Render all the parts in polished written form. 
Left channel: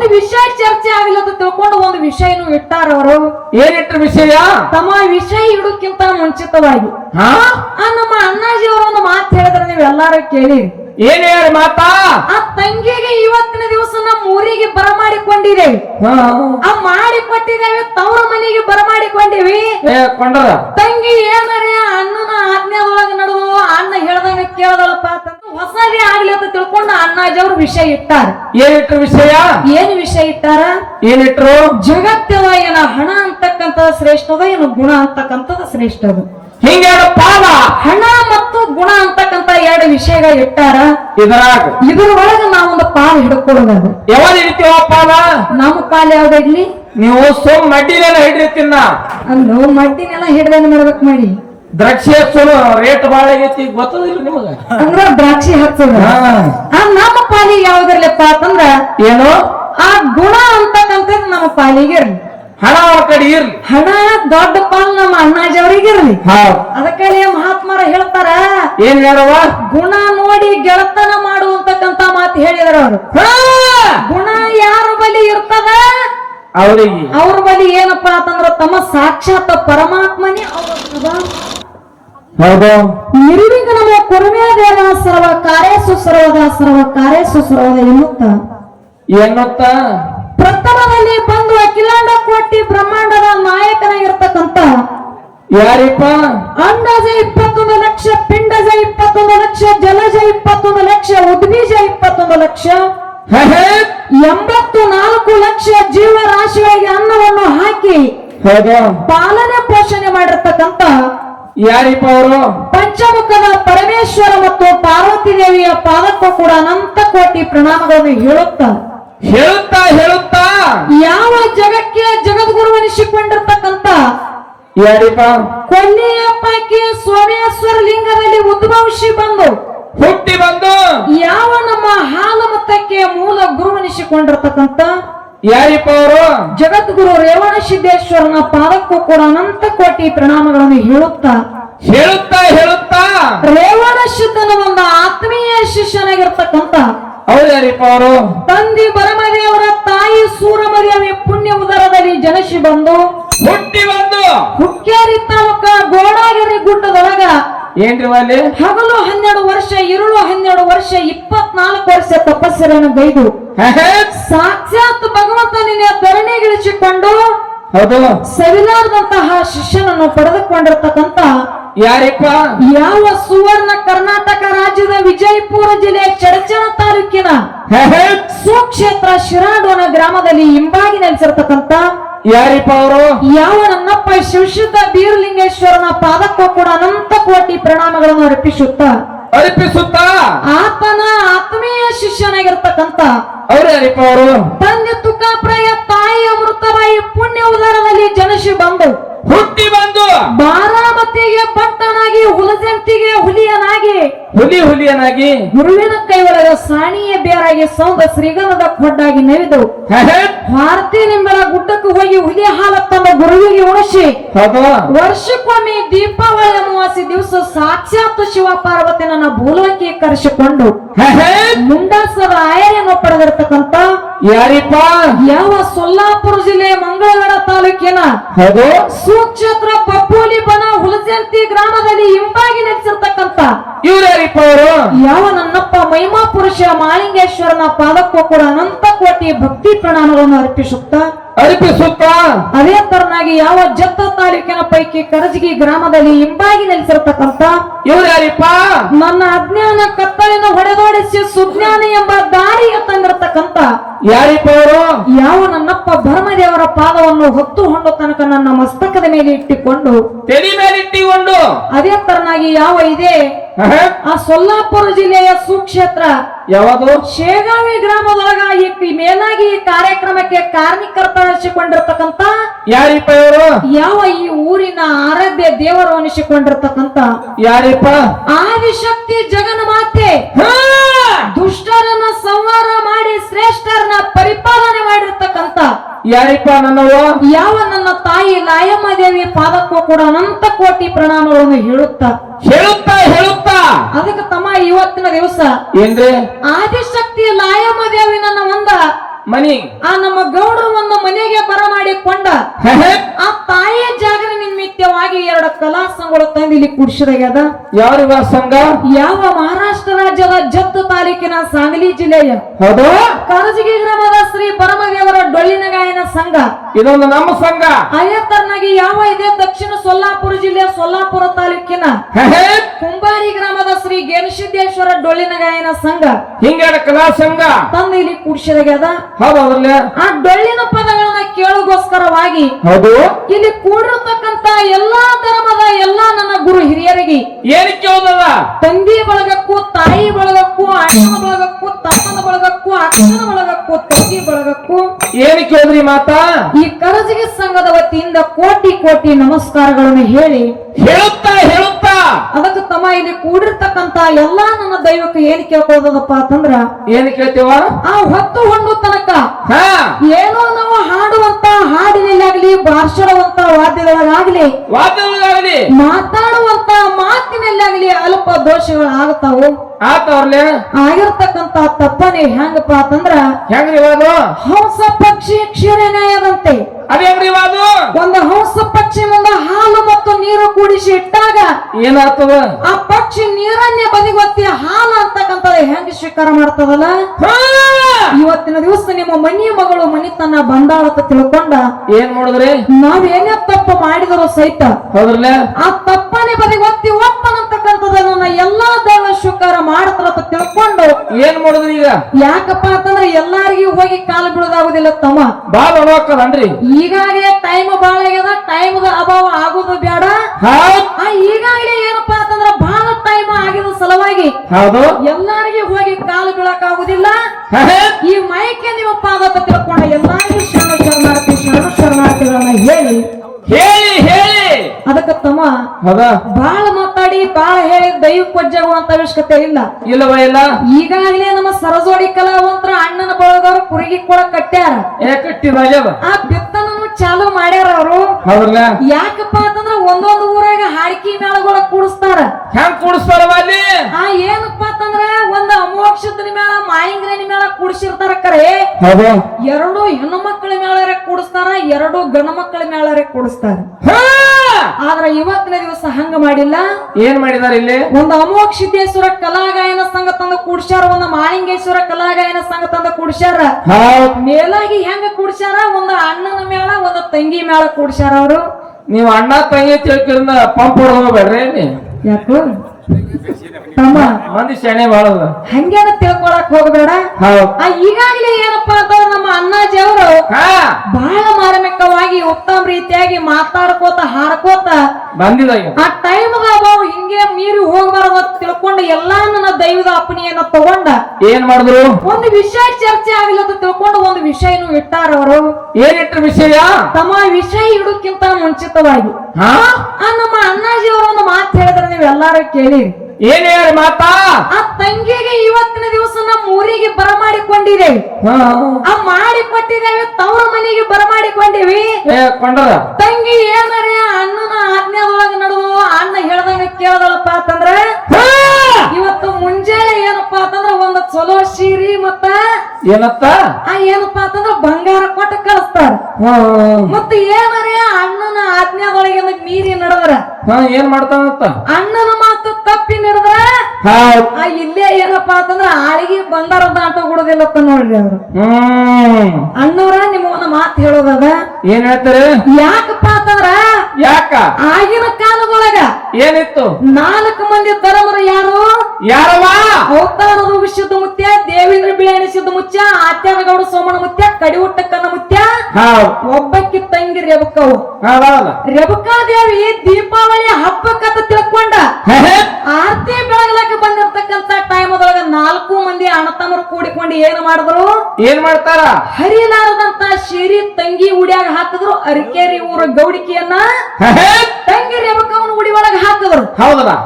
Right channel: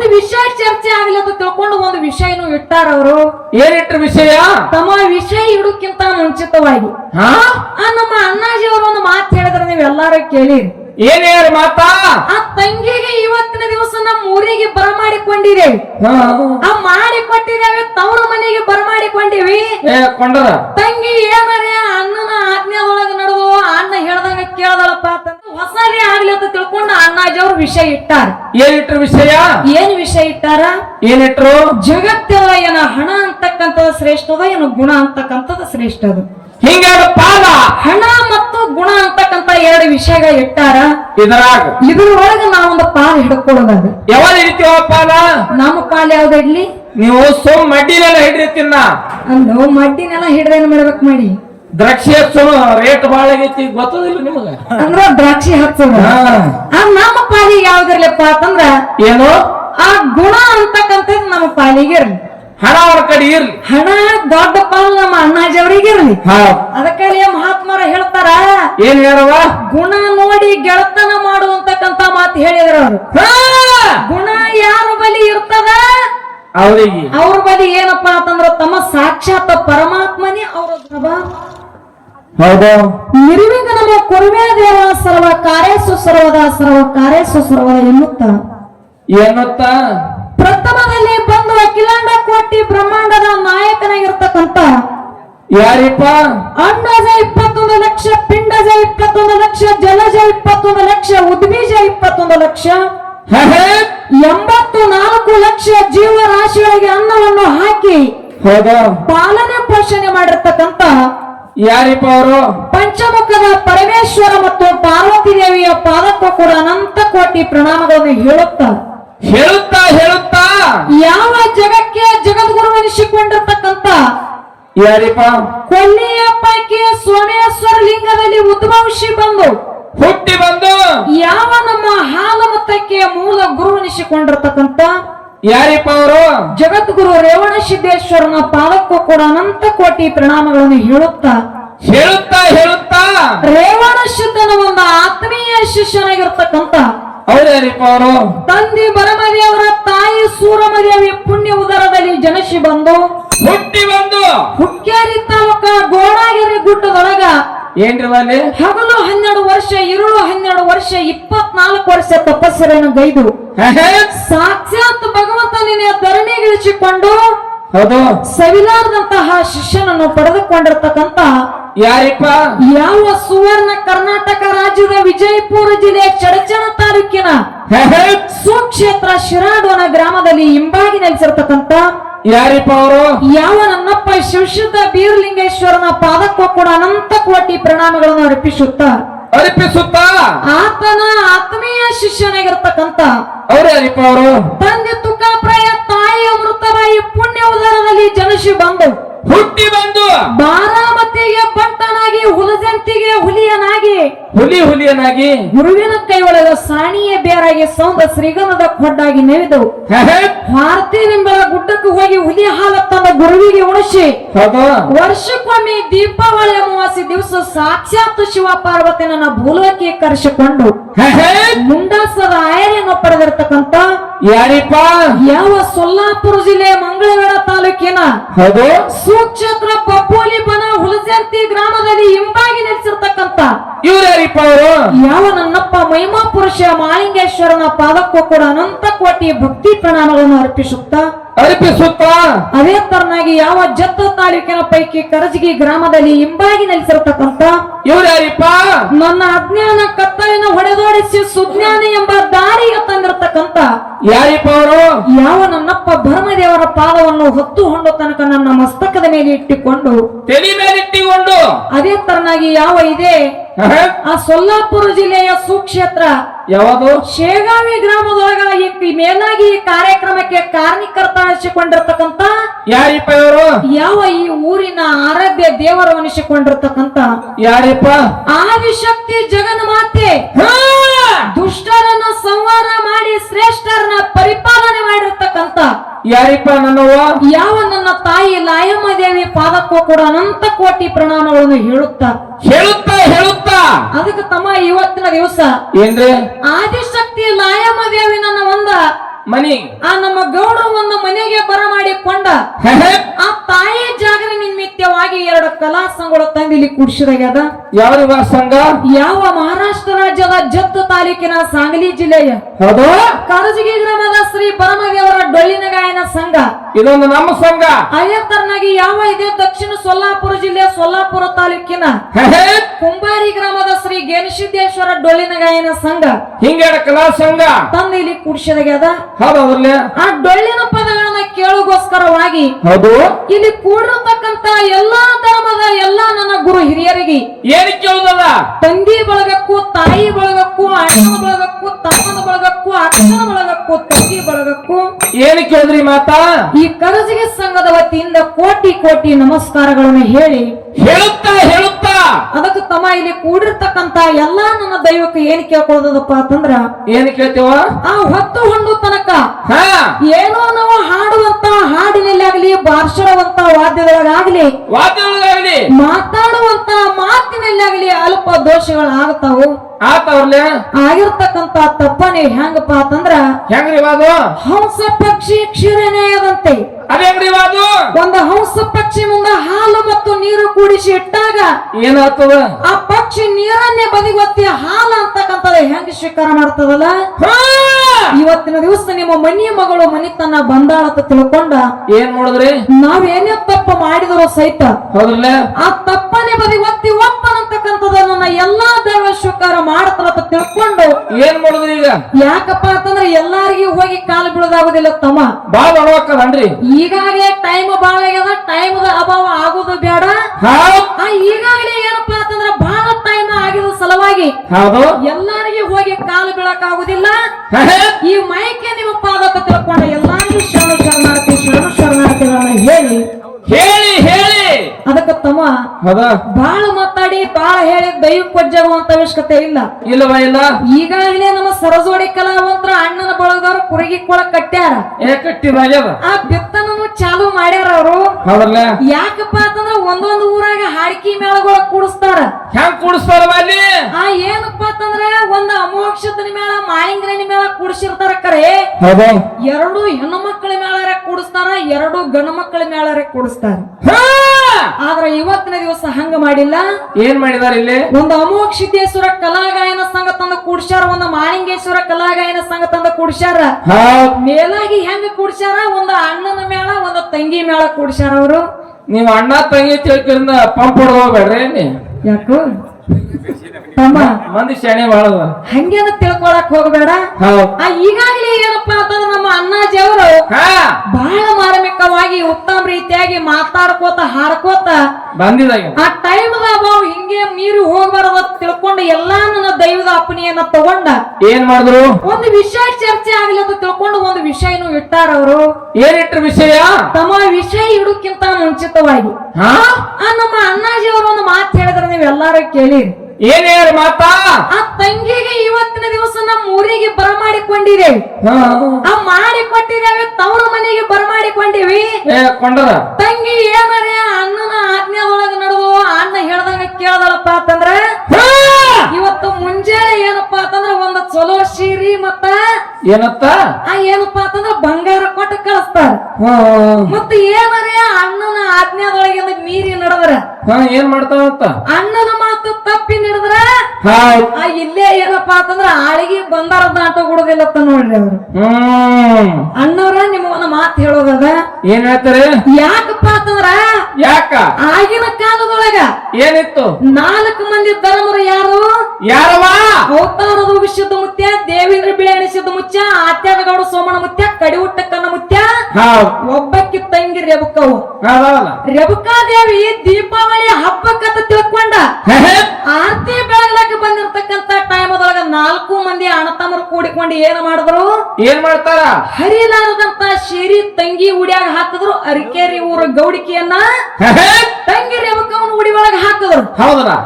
ಒಂದು ವಿಷಯ ಚರ್ಚೆ ಆಗ್ಲಿ ಅಂತ ತಿಳ್ಕೊಂಡು ಒಂದು ವಿಷಯನು ಇಟ್ಟಾರ ಅವರು. ಏನಿಟ್ರ ವಿಷಯ? ತಮ್ಮ ವಿಷಯ ಇಡೋಕ್ಕಿಂತ ಮುಂಚಿತವಾಗಿ ನಮ್ಮ ಅಣ್ಣಾಜಿ ಅವರು ಒಂದು ಮಾತು ಹೇಳಿದ್ರೆ ನೀವು ಎಲ್ಲಾರು ಕೇಳಿರಿ. ಏನ್ ಹೇಳಿ ಮಾತಾ? ಆ ತಂಗಿಗೆ ಇವತ್ತಿನ ದಿವಸ ನಮ್ಮ ಊರಿಗೆ ಬರಮಾಡಿಕೊಂಡಿರಿ, ಮಾಡಿಕೊಟ್ಟಿದ್ದೇವೆ, ತವ್ರ ಮನೆಗೆ ಬರಮಾಡಿಕೊಂಡಿವಿ. ಕೊಂಡರ ತಂಗಿ ಏನರೇ ಅಣ್ಣನ ಆಜ್ಞೆದೊಳಗ ನಡುವ ಅಣ್ಣ ಹೇಳ್ದಂಗ ಕೇಳದಳಪ್ಪ ಹೊಸದೇ ಆಗ್ಲಿ ಅಂತ ತಿಳ್ಕೊಂಡು ಅಣ್ಣಾಜಿ ಅವ್ರ ವಿಷಯ ಇಟ್ಟಾರ. ಏನಿಟ್ರ ವಿಷಯ? ಏನ್ ವಿಷಯ ಇಟ್ಟಾರ? ಏನಿಟ್ರು? ಜಗತ್ತಿನ ಹಣ ಅಂತಕ್ಕಂಥ ಶ್ರೇಷ್ಠದ ಏನು ಗುಣ ಅಂತಕ್ಕಂಥದ್ದು ಶ್ರೇಷ್ಠದು. ಹಿಂಗೆರಡು ಪಾದ, ಹಣ ಮತ್ತು ಗುಣ ಅಂತಕ್ಕಂಥ ಎರಡು ವಿಷಯಗಳು ಇಟ್ಟಾರ. ಇದ್ರೊಳಗ ನಾವೊಂದು ಪಾಲ್ ಹಿಡ್ಕೊಳ್ಳೋದು. ಯಾವಾಗ ಹಿಡಿತೀವ ಪಾಲ? ನಮ್ಮ ಪಾಲ್ ಯಾವ್ದು ಇಡ್ಲಿ? ನೀವು ಸೋಮ್ ಮಡ್ಡಿನೆಲ್ಲ ಹಿಡಿತಿನ್ನ ಅಲ್ಲೋ ಮಡ್ಡಿನೆಲ್ಲ ಹಿಡ್ದೇನ್ ಮಾಡ್ಬೇಕು ಮಾಡಿ. ದ್ರಾಕ್ಷಿ ಹಚ್ಚೋನು ರೇಟ್ ಬಾಳ ಆಗೈತಿ ಗೊತ್ತದಿಲ್ಲ ನಿಮಗ? ಅಂದ್ರ ದ್ರಾಕ್ಷಿ ಹಚ್ಚೋದು. ನಮ್ಮ ಪಾಲಿಗೆ ಯಾವ್ದಿರ್ಲಪ್ಪ ಅಂತಂದ್ರ ಏನು? ಆ ಗುಣ ಅಂತಕ್ಕಂಥದ್ದು ನಮ್ಮ ಪಾಲಿಗೆ ಇರ್ಲಿ. ಹಣ ಅವ್ರ ಕಡೆ ಇರ್ಲಿ. ಹಣ ದೊಡ್ಡ ಪಾಲ್ ನಮ್ಮ ಅಣ್ಣಾಜಿ ಅವ್ರಿಗೆ ಇರ್ಲಿ. ಅದಕ್ಕೆ ಮಹಾತ್ಮರ ಹೇಳ್ತಾರ, ಏನ್ ಹೇಳವ? ಗುಣ ನೋಡಿ ಗೆಳತನ ಮಾಡುವಂತಕ್ಕಂತ ಮಾತು ಹೇಳಿದಾರ ಅವರು. ಗುಣ ಯಾರ ಬಲಿ ಇರ್ತದ ಅವ್ರಿಗೆ, ಅವ್ರ ಬಲಿ ಏನಪ್ಪಾ ಅಂತಂದ್ರ ತಮ್ಮ ಸಾಕ್ಷಾತ್ ಪರಮಾತ್ಮನೇ ಹೌದು. ನಿರ್ವಿಘ್ನ ನಮ್ಮ ಕುರುಮೇ ದೇವ ಸರ್ವ ಕಾರ್ಯಸು ಸರ್ವದ ಸರ್ವ ಕಾರ್ಯಸು ಸರ್ವದ ಎನ್ನುತ್ತ ಪ್ರಥಮದಲ್ಲಿ ಬಂದು ಅಖಿಲಾಂಡ ಕೋಟಿ ಬ್ರಹ್ಮಾಂಡದ ನಾಯಕನಾಗಿರ್ತಕ್ಕಂಥ ಯಾರಿಪ್ಪ? ಅಂಡಜ 21 ಲಕ್ಷ, ಪಿಂಡಜ 21 ಲಕ್ಷ, ಜಲಜ 21 ಲಕ್ಷ, ಉದ್ಬೀಜ 21 ಲಕ್ಷ, 84 ಲಕ್ಷ ಜೀವರಾಶಿಗಳಿಗೆ ಅನ್ನವನ್ನು ಹಾಕಿ ಪಾಲನೆ ಪೋಷಣೆ ಮಾಡಿರ್ತಕ್ಕಂಥ ಯಾರಿಪ್ಪ ಅವರು? ಪಂಚಮುಖದ ಪರಮೇಶ್ವರ ಮತ್ತು ಪಾರ್ವತಿ ದೇವಿಯ ಪಾದಕ್ಕೂ ಕೂಡ ಅನಂತ ಕೋಟಿ ಪ್ರಣಾಮಗಳನ್ನು ಹೇಳುತ್ತಾ ಯಾವ ಜಗಕ್ಕೆ ಜಗದ್ಗುರು ಎನಿಸಿಕೊಂಡಿರ್ತಕ್ಕಂಥ ಯಾರಿಪ್ಪ? ಕೊಲ್ಲಿಯ ಪೈಕಿ ಸೋಮೇಶ್ವರ ಲಿಂಗದಲ್ಲಿ ಉದ್ಭವಿಸಿ ಹುಟ್ಟಿ ಬಂದು ಯಾವ ನಮ್ಮ ಹಾಲಮತಕ್ಕೆ ಮೂಲ ಗುರು ಎನಿಸಿಕೊಂಡಿರ್ತಕ್ಕಂಥ ಯಾರಿಪ್ಪ ಅವರು? ಜಗದ್ಗುರು ರೇವಣ ಸಿದ್ದೇಶ್ವರನ ಪಾದಕ್ಕೂ ಕೂಡ ಅನಂತ ಕೋಟಿ ಪ್ರಣಾಮಗಳನ್ನು ಹೇಳುತ್ತಾ ರೇವಣ ಸಿದ್ದನ ಒಂದು ಆತ್ಮೀಯ ಶಿಷ್ಯನಾಗಿರ್ತಕ್ಕಂಥ ಅವ್ರು ಯಾರಿಪ್ಪ ಅವರು? ತಂದೆ ಬರಮದೇವರ ತಾಯಿ ಸೂರಮದೇವಿ ಪುಣ್ಯ ಉದರದಲ್ಲಿ ಜನಸಿ ಹುಟ್ಟಿ ಬಂದು ಹುಕ್ಕೇರಿ ತಾಲೂಕ ಗೋಡಾಗಿರಿ ಗುಡ್ಡದೊಳಗ ಏನ್ರಿ ಅಲ್ಲಿ ಹಗಲು 12 ವರ್ಷ, ಇರುಳು 12 ವರ್ಷ, 24 ವರ್ಷ ತಪಸ್ಸರನ್ನು ಗೈದು ಸಾಕ್ಷಾತ್ ಭಗವಂತನಿನ ಧರಣಿಗಿಳಿಸಿಕೊಂಡು ಸವಿಲಾರದಂತಹ ಶಿಷ್ಯನನ್ನು ಪಡೆದುಕೊಂಡಿರ್ತಕ್ಕಂಥ ಯಾರಿಪ್ಪ? ಯಾವ ಸುವರ್ಣ ಕರ್ನಾಟಕ ರಾಜ್ಯದ ವಿಜಯಪುರ ಜಿಲ್ಲೆ ಚಡಚಣ ತಾಲೂಕಿನ ಸುಕ್ಷೇತ್ರ ಶಿರಾಡೋನ ಗ್ರಾಮದಲ್ಲಿ ಹಿಂಬಾಗಿ ನೆಲೆಸಿರ್ತಕ್ಕಂಥ ಯಾರಿಪ್ಪ ಅವರು? ಯಾವ ನನ್ನಪ್ಪ ಶಿವಶುದ್ಧ ಬೀರಲಿಂಗೇಶ್ವರನ ಪಾದಕ್ಕೂ ಕೂಡ ಅನಂತ ಕೋಟಿ ಪ್ರಣಾಮಗಳನ್ನು ಅರ್ಪಿಸುತ್ತಾ ಆತನ ಆತ್ಮೀಯ ಶಿಷ್ಯನಾಗಿರ್ತಕ್ಕಂಥ ಅವ್ರು ಯಾರಿಪ್ಪ ಅವರು? ತಂದೆ ತುಕಾಪ್ರಾಯ ತಾಯಿ ಅಮೃತಬಾಯಿ ಪುಣ್ಯ ಉದರದಲ್ಲಿ ಜನಸಿ ಹುಟ್ಟಿ ಬಂದು ಬಾರಾಮತಿಗೆ ಪಟ್ಟನಾಗಿ ಹುಲಜಂತಿಗೆ ಹುಲಿಯನಾಗಿ ಗುರುವಿನ ಕೈ ಒಳಗ ಸಾಣಿಯ ಬೇರಾಗಿ ಸೌಂದ ಶ್ರೀಗಂಧದ ಕೊಡ್ಡಾಗಿ ನೆರೆದು ಭಾರತೀಯ ನಿಂಬಳ ಗುಡ್ಡಕ್ಕೆ ಹೋಗಿ ಹುಲಿ ಹಾಲ ತಮ್ಮ ಗುರುವಿಗೆ ಉಣಿಸಿ ವರ್ಷಕ್ಕೊಮ್ಮೆ ದೀಪಾವಳಿ ಅಮಾವಾಸ್ಯೆ ದಿವಸ ಸಾಕ್ಷಾತ್ ಶಿವ ಪಾರ್ವತಿ ನನ್ನ ಭೂಲಕ್ಕೆ ಕರೆಸಿಕೊಂಡು ಮುಂಡಾಸದ ಆಯರನ್ನು ಪಡೆದಿರ್ತಕ್ಕಂಥ ಯಾರಿಪ್ಪ? ಯಾವ ಸೊಲ್ಲಾಪುರ ಜಿಲ್ಲೆ ಮಂಗಳವೇಡ ತಾಲೂಕಿನ ಸುಕ್ಷೇತ್ರ ಪಪ್ಪೋಲಿ ಬನ ಹುಲಜಂತಿ ಗ್ರಾಮದಲ್ಲಿ ಹಿಂಬಾಗಿ ನೆಲೆಸಿರ್ತಕ್ಕಂಥ ಇವ್ರು ಯಾರಿಪ್ಪ ಅವರು? ಯಾವ ನನ್ನಪ್ಪ ಮಹಿಮಾ ಪುರುಷ ಮಾಲಿಂಗೇಶ್ವರನ ಪಾದಕ್ಕೂ ಕೂಡ ಅನಂತ ಕೋಟಿ ಭಕ್ತಿ ಪ್ರಣಾಮಗಳನ್ನು ಅರ್ಪಿಸುತ್ತಾ ಅದೇ ತರನಾಗಿ ಯಾವ ಜತ್ತ ತಾಲೂಕಿನ ಪೈಕಿ ಕರಜಗಿ ಗ್ರಾಮದಲ್ಲಿ ಹಿಂಬಾಗಿ ನೆಲೆಸಿರ್ತಕ್ಕಂಥ ಇವ್ರು ಯಾರಿಪ್ಪ? ನನ್ನ ಅಜ್ಞಾನ ಕತ್ತಲಿನ ಹೊಡೆದೋಡಿಸಿ ಸುಜ್ಞಾನ ಎಂಬ ದಾರಿಗೆ ತಂದಿರತಕ್ಕಂಥ ಯಾರಿಪ್ಪ ಅವರು? ಯಾವ ನನ್ನಪ್ಪ ಭರಮದೇವರ ಪಾದವನ್ನು ಹೊತ್ತು ಹೊಂಡು ತನಕ ನನ್ನ ಮಸ್ತಕದ ಮೇಲೆ ಇಟ್ಟುಕೊಂಡು ಅದೇ ತರನಾಗಿ ಯಾವ ಇದೆ ಆ ಸೊಲ್ಲಾಪುರ ಜಿಲ್ಲೆಯ ಸುಕ್ಷೇತ್ರ ಯಾವುದು? ಶೇಗಾವಿ ಗ್ರಾಮದೊಳಗ ಮೇಲಾಗಿ ಈ ಕಾರ್ಯಕ್ರಮಕ್ಕೆ ಕಾರಣೀಕರ್ತನಿಸಿಕೊಂಡಿರ್ತಕ್ಕಂಥ ಯಾರಿಪ್ಪ ಇವರು? ಯಾವ ಈ ಊರಿನ ಆರಾಧ್ಯ ದೇವರು ಅನಿಸಿಕೊಂಡಿರ್ತಕ್ಕಂಥ ಯಾರಿಪ್ಪ? ಆದಿಶಕ್ತಿ ಜಗನ್ಮಾತೆ ದುಷ್ಟರನ್ನ ಸಂಹಾರ ಮಾಡಿ ಶ್ರೇಷ್ಠರನ್ನ ಪರಿಪಾಲನೆ ಮಾಡಿರ್ತಕ್ಕಂಥ ಯಾರಿಪ್ಪ ನನ್ನವ್ವ? ಯಾವ ನನ್ನ ತಾಯಿ ಲಾಯಮ್ಮ ದೇವಿ ಪಾದಕ್ಕೂ ಕೂಡ ಅನಂತ ಕೋಟಿ ಪ್ರಣಾಮಗಳನ್ನು ಹೇಳುತ್ತಾ ಅದಕ್ಕೆ ತಮ್ಮ ಇವತ್ತಿನ ದಿವಸ ಏನ್ರಿ ಆದಿಶಕ್ತಿ ಲಾಯಮ್ಮ ದೇವಿ ನನ್ನ ಒಂದ ಮನಿ ಆ ನಮ್ಮ ಗೌಡರು ಒಂದು ಮನೆಗೆ ಬರಮಾಡಿಕೊಂಡ ಆ ತಾಯಿಯ ಜಾಗರ ನಿಮಿತ್ತವಾಗಿ 2 ಕಲಾ ಸಂಘಗಳು ತಂದು ಇಲ್ಲಿ ಕೂಡಿಸಿದಾಗ್ಯದ. ಯಾವ್ರಿವ ಸಂಘ? ಯಾವ ಮಹಾರಾಷ್ಟ್ರ ರಾಜ್ಯದ ಜತ್ತು ತಾಲೂಕಿನ ಸಾಂಗಲಿ ಜಿಲ್ಲೆಯ ಹೌದು ಕರಜಗಿ ಗ್ರಾಮದ ಶ್ರೀ ಪರಮದೇವರ ಡೊಳ್ಳಿನ ಗಾಯನ ಸಂಘ. ಇದೊಂದು ನಮ್ಮ ಸಂಘ. ಅಯ್ಯತ್ತರ್ನಾಗಿ ಯಾವ ಇದೆ ದಕ್ಷಿಣ ಸೊಲ್ಲಾಪುರ ಜಿಲ್ಲೆಯ ಸೊಲ್ಲಾಪುರ ತಾಲೂಕಿನ ಕುಂಬಾರಿ ಗ್ರಾಮದ ಶ್ರೀ ಗೇನಸಿದ್ದೇಶ್ವರ ಡೊಳ್ಳಿನ ಗಾಯನ ಸಂಘ. ಹಿಂಗೇನ ಕಲಾ ಸಂಘ ತಂದು ಇಲ್ಲಿ ಕೂಡಿಸಿದಾಗ್ಯದ. ಹೌದೌದ್ರಲ್ಲ. ಆ ಡೊಳ್ಳಿನ ಪದಗಳನ್ನ ಕೇಳುಗೋಸ್ಕರವಾಗಿ ಹೌದು ಇಲ್ಲಿ ಕೂಡಿರತಕ್ಕಂತ ಎಲ್ಲಾ ಧರ್ಮದ ಎಲ್ಲಾ ನನ್ನ ಗುರು ಹಿರಿಯರಿಗೆ ಏನಕ್ಕೆ ಹೋದಲ್ಲ? ತಂಗಿ ಬಳಗಕ್ಕೂ ತಾಯಿ ಬಳಗಕ್ಕೂ ಅಣ್ಣನ ಬಳಗಕ್ಕೂ ತಮ್ಮನ ಬಳಗಕ್ಕೂ ಅಕ್ಕನ ಬಳಗಕ್ಕೂ ತಂಗಿ ಬಳಗಕ್ಕೂ ಏನಕ್ಕೆ ಹೋದ್ರಿ ಮಾತಾ? ಈ ಕರಜಗಿ ಸಂಘದ ವತಿಯಿಂದ ಕೋಟಿ ಕೋಟಿ ನಮಸ್ಕಾರಗಳನ್ನು ಹೇಳಿ ಹೇಳುತ್ತಾ ಅದಕ್ಕೆ ತಮ್ಮ ಇಲ್ಲಿ ಕೂಡಿರ್ತಕ್ಕಂತ ಎಲ್ಲಾ ನನ್ನ ದೈವಕ್ಕೆ ಏನ್ ಕೇಳ್ಕೊಳ್ಳೋದಪ್ಪ ಅಂತಂದ್ರ ಏನ್ ಕೇಳ್ತೀವ? ಆ ಹೊತ್ತು ಹೊಂಡು ತನಕ ಹಾ ಏನೋ ನಾವು ಹಾಡುವಂತ ಹಾಡಿನಲ್ಲಿ ಆಗ್ಲಿ ಭಾಷಣವಂತ ವಾದ್ಯದೊಳಗಾಗ್ಲಿ ಮಾತಾಡುವಂತ ಮಾತಿನಲ್ಲಿ ಆಗ್ಲಿ ಅಲ್ಪ ದೋಷಗಳಾಗ್ತಾವು. ಆತವ್ರಲ್ಲೇ ಆಗಿರ್ತಕ್ಕಂತ ತಪ್ಪನೆ ಹೆಂಗಪ್ಪ ಅಂತಂದ್ರ ಹೆಂಗ್ರಿ ಅದು? ಹಂಸ ಪಕ್ಷಿ ಕ್ಷೀರನೇಯದಂತೆ. ಅದೇಂಗ್ರಿ ಅದು? ಒಂದು ಹಂಸ ಪಕ್ಷಿ ಮುಂದೆ ಹಾಲು ಮತ್ತು ನೀರು ಕೂಡಿಸಿ ಇಟ್ಟಾಗ ಏನಾಗ್ತದ? ಆ ಪಕ್ಷಿ ನೀರನ್ನೇ ಬದಿಗೊತ್ತಿ ಹಾಲು ಅಂತಕ್ಕಂಥದ್ದು ಹೆಂಗ್ ಸ್ವೀಕಾರ ಮಾಡ್ತದಲ್ಲ, ಇವತ್ತಿನ ದಿವಸ ನಿಮ್ಮ ಮನಿ ಮಗಳು ಮನಿತನ ಬಂದಾಳತ್ತ ತಿಳ್ಕೊಂಡ ಏನ್ ಮಾಡಿದ್ರಿ? ನಾವೇನೇ ತಪ್ಪು ಮಾಡಿದ್ರು ಸಹಿತ ಹೌದ್ರಲ್ಲ ಆ ತಪ್ಪನೆ ಬದಿಗೊತ್ತಿ ಒಪ್ಪನಂತಕ್ಕಂಥದನ್ನ ಎಲ್ಲಾ ದೈವ ಸ್ವೀಕಾರ ಮಾಡ್ತಾರತ್ತ ತಿಳ್ಕೊಂಡು ಏನ್ ಮಾಡಿದ್ರಿ ಈಗ? ಯಾಕಪ್ಪ ಅಂತಂದ್ರೆ ಎಲ್ಲಾರಿಗೂ ಹೋಗಿ ಕಾಲು ಬೀಳೋದಾಗುದಿಲ್ಲ ತಮ್ಮ. ಬಾಳ ಅವಾಕದನ್ರಿ. ಈಗಾಗಲೇ ಟೈಮ್ ಬಾಳ ಆಗ್ಯದ, ಟೈಮ್ ಅಭಾವ ಆಗುದು ಬೇಡ. ಈಗಾಗಲೇ ಏನಪ್ಪಾ ಅಂತಂದ್ರೆ ಬಹಳ ಟೈಮ್ ಆಗಿದ ಸಲುವಾಗಿ ಹೌದು ಎಲ್ಲಾರಿಗೂ ಹೋಗಿ ಕಾಲು ಬೀಳಕ್ ಆಗುದಿಲ್ಲ. ಈ ಮೈಕೆ ನೀವು ಪಾದಕ ತಿಳ್ಕೊಂಡ ಎಲ್ಲಾರಿಗೂ ಶರಣಾರ್ಥಿಗಳನ್ನ ಹೇಳಿ ಹೇಳಿ ಹೇಳಿ ಅದಕ್ಕೆ ತಮ್ಮ ಹೌದಾ ಬಾಳ ಮಾತಾಡಿ ಬಾಳ ಹೇಳಿ ದೈವ ಕೊಜ್ಜುವಂತ ಅವಶ್ಯಕತೆ ಇಲ್ಲ. ಇಲ್ಲವಾ ಇಲ್ಲ? ಈಗಾಗಲೇ ನಮ್ಮ ಸರಜೋಡಿ ಕಲಾವಂತರ ಅಣ್ಣನ ಬಳಗದವ್ರು ಕುರುಗಿ ಕೊಳ ಕಟ್ಟ್ಯಾರ. ಆ ಬಿತ್ತನೂ ಚಾಲು ಮಾಡ್ಯಾರ ಅವರು. ಹೌದಲ್ಲ? ಯಾಕಪ್ಪ ಅಂತಂದ್ರ ಒಂದೊಂದು ಊರಾಗ ಹಾಡಿಕೆ ಮೇಳಗಳ ಕೂಡಿಸ್ತಾರ. ಹೆಂಗ್ ಕೂಡಿಸ್ತಾರ ಅಲ್ಲಿ? ಏನಪ್ಪಾ ಅಂತಂದ್ರ ಒಂದು ಅಮೋಕ್ಷದ ಮೇಳ ಮಾಯಿಂಗ್ರನಿ ಮೇಳ ಕೂಡಿಸಿರ್ತಾರ ಕರೆ. 2 ಹೆಣ್ಣು ಮಕ್ಕಳ ಮೇಳರೆ ಕೂಡಿಸ್ತಾರ, 2 ಗಂಡು ಮಕ್ಕಳ ಮೇಳರೆ ಕೂಡಿಸ್ತಾರ. ಆದ್ರೆ ಇವತ್ತಿನ ದಿವಸ ಹಂಗ ಮಾಡಿಲ್ಲ. ಏನ್ ಮಾಡಿದಾರ ಇಲ್ಲಿ? ಒಂದು ಅಮೋಕ್ಷಿದ್ದೇಶ್ವರ ಕಲಾಗಾಯನ ಸಂಘ ತಂದ ಕೂಡ್ಸ್ಯಾರ, ಒಂದು ಮಾಳಿಂಗೇಶ್ವರ ಕಲಾಗಾಯನ ಸಂಘ ತಂದ ಕೂಡ್ಸ್ಯಾರ. ಮೇಲಾಗಿ ಹೆಂಗ ಕೂಡ್ಸ್ಯಾರ? ಒಂದು ಅಣ್ಣನ ಮೇಳ, ಒಂದು ತಂಗಿ ಮೇಳ ಕೂಡ್ಸ್ಯಾರ ಅವರು. ನೀವು ಅಣ್ಣ ತಂಗಿ ತಿಳ್ಕಿರಿಂದ ಪಂಪ್ ಹೊಡೆದು ಹೋಗ್ಬೇಡ್ರಿ. ಯಾಕು ತಮ್ಮ ಮಂದಿ ಶಣೆ ಮಾಡದ ಹಂಗೇನ ತಿಳ್ಕೊಳಕ್ ಹೋಗ್ಬೇಡ. ಈಗಾಗಲೇ ಏನಪ್ಪಾ ಅಂತಂದ್ರೆ ನಮ್ಮ ಅಣ್ಣಾಜಿ ಅವರು ಬಹಳ ಮಾರ್ಮಿಕವಾಗಿ ಉತ್ತಮ ರೀತಿಯಾಗಿ ಮಾತಾಡ್ಕೋತ ಹಾಡ್ಕೋತ ಬಂದಿದ. ಆ ಟೈಮ್ ಹಿಂಗೆ ಮೀರಿ ಹೋಗ್ಬಾರ್ದು ತಿಳ್ಕೊಂಡು ಎಲ್ಲಾ ನನ್ನ ದೈವದ ಅಪ್ಪನಿಯನ್ನ ತಗೊಂಡ ಏನ್ ಮಾಡಿದ್ರು? ಒಂದು ವಿಷಯ ಚರ್ಚೆ ಆಗ್ಲಿ ಅಂತ ತಿಳ್ಕೊಂಡು ಒಂದು ವಿಷಯನು ಇಟ್ಟಾರ ಅವರು. ಏನಿಟ್ರ ವಿಷಯ? ತಮ್ಮ ವಿಷಯ ಇಡೋಕ್ಕಿಂತ ಮುಂಚಿತವಾಗಿ ನಮ್ಮ ಅಣ್ಣಾಜಿ ಅವರು ಒಂದು ಮಾತು ಹೇಳಿದ್ರೆ ನೀವು ಎಲ್ಲಾರು ಕೇಳಿರಿ. ಏನ್ ಹೇಳಿ ಮಾತಾ? ಆ ತಂಗಿಗೆ ಇವತ್ತಿನ ದಿವಸ ನಮ್ಮ ಊರಿಗೆ ಬರಮಾಡಿಕೊಂಡಿರಿ. ಆ ಮಾಡಿಕೊಟ್ಟಿದ್ದೇವೆ, ತವ್ರ ಮನೆಗೆ ಬರಮಾಡಿಕೊಂಡಿವಿ. ತಂಗಿ ಏನಾರೇ ಅಣ್ಣನ ಆಜ್ಞಾದೊಳಗ ನಡುವ ಅಣ್ಣ ಹೇಳ್ದಂಗ ಕೇಳದಳಪ್ಪ ಅಂತಂದ್ರ ಇವತ್ತು ಮುಂಜಾನೆ ಏನಪ್ಪಾ ಅಂತಂದ್ರ ಒಂದು ಚಲೋ ಸೀರಿ ಮತ್ತ ಏನತ್ತ ಏನಪ್ಪಾ ಅಂತಂದ್ರ ಬಂಗಾರ ಕೊಟ್ಟು ಕಳಿಸ್ತಾರ. ಮತ್ತ ಏನಾರೇ ಅಣ್ಣನ ಆಜ್ಞಾದೊಳಗಿಂದ ಮೀರಿ ನಡೆದ್ರ ಏನ್ ಮಾಡ್ತಾವಂತ? ಅಣ್ಣನ ಮಾತು ತಪ್ಪಿ ನಡೆದ್ರ ಇಲ್ಲೇ ಏನಪ್ಪಾ ಅಂತಂದ್ರ ಆಳಿಗೆ ಬಂದಾರ ದಾಟ ಬಿಡುದಿಲ್ಲತ್ತ ನೋಡ್ರಿ ಅವ್ರು. ಅಣ್ಣವ್ರ ನಿಮ್ಮನ್ನ ಮಾತು ಹೇಳೋದದ. ಏನ್ ಹೇಳ್ತಾರೆ? ಯಾಕಪ್ಪ ಅಂತಂದ್ರ ಯಾಕ ಆಗಿನ ಕಾಲದೊಳಗ ಏನಿತ್ತು? 4 ಮಂದಿ ತರಮರು ಯಾರು? ಯಾರವ? ಅವತಾರದ ವಿಷಯದ ಮುತ್ಯ, ದೇವೇಂದ್ರ ಬಿಳಿಯಣಿಸಿದ ಮುತ್ಯ, ಆತ್ಯಾಗೌಡ ಸೋಮಣ ಮುತ್ಯ, ಕಡಿವುಟ್ಟಕ್ಕನ ಮುತ್ಯ, ಒಬ್ಬಕ್ಕಿ ತಂಗಿ ರೇಬಕ್ಕವು. ರೇಬಕಾದೇವಿ ದೀಪಾವಳಿ ಹಬ್ಬಕ್ಕಂತ ತಿಳ್ಕೊಂಡ ಆರತಿ ಬೆಳಗ್ಲಕ್ಕೆ ಬಂದಿರ್ತಕ್ಕಂತ ಟೈಮ್ ಒಳಗ 4 ಮಂದಿ ಅಣ್ಣತಮ್ಮರು ಕೂಡಿಕೊಂಡು ಏನು ಮಾಡಿದ್ರು? ಏನ್ ಮಾಡ್ತಾರ? ಹರಿಲಾರದಂತ ಶಿರಿ ತಂಗಿ ಉಡಿಯಾಗ ಹಾಕಿದ್ರು. ಅರಿಕೇರಿ ಊರ ಗೌಡಿಕೆಯನ್ನ ತಂಗಿ ರೇಬಕವನ ಉಡಿ ಒಳಗ ಹಾಕಿದ್ರು. ಹೌದಾ?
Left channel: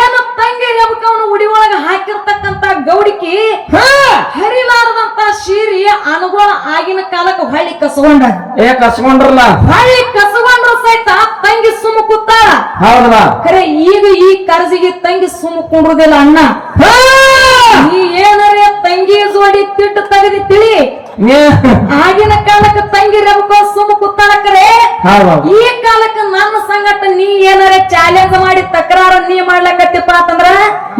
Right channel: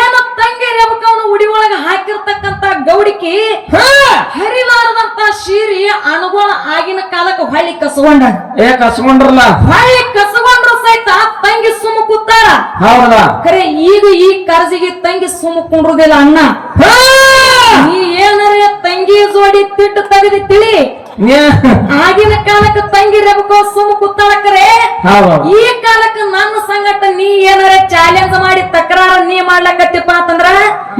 ಏನು ತಂಗಿ ರೇಬಕವನ ಉಡಿ ಒಳಗ ಹಾಕಿರ್ತಕ್ಕಂತ ಗೌಡಿಕೆ ಹರಿಲಾರದಂತ ಶಿರಿ ಅನುಗುಣ ಆಗಿನ ಕಾಲಕ್ಕೆ ಹೊಳ್ಳಿ ಕಸಗೊಂಡ. ಕಸ್ಕೊಂಡ್ರಲ್ಲ? ಹೊಳ್ಳಿ ಕಸಗೊಂಡ್ರು ಸಹಿತ ತಂಗಿ ಸುಮ್ಮ ಕೂತಾರ. ಹೌದಾ? ಖರೆ ಈಗ ಈ ಕರ್ಜಿಗೆ ತಂಗಿ ಸುಮ್ಮ ಕುಂಡ್ರುದಿಲ್ಲ. ಅಣ್ಣ ನೀ ಏನಾರ ತಂಗಿ ಜೋಡಿ ತಿಟ್ಟು ತೆಗೆದಿ ತಿಳಿ ಆಗಿನ ಕಾಲಕ್ಕೆ ತಂಗಿ ರಬಕೋ ಸುಮ್ಮ ಕುತ್ತಾಳಕರೆ ಹೌದು ಈ ಕಾಲಕ್ಕೆ ನನ್ನ ಸಂಗಟ ನೀ ಏನಾರ ಚಾಲೆಂಜ್ ಮಾಡಿ ತಕರಾರ ನೀ ಮಾಡ್ಲಕತ್ತಿಪ್ಪ ಅಂತಂದ್ರ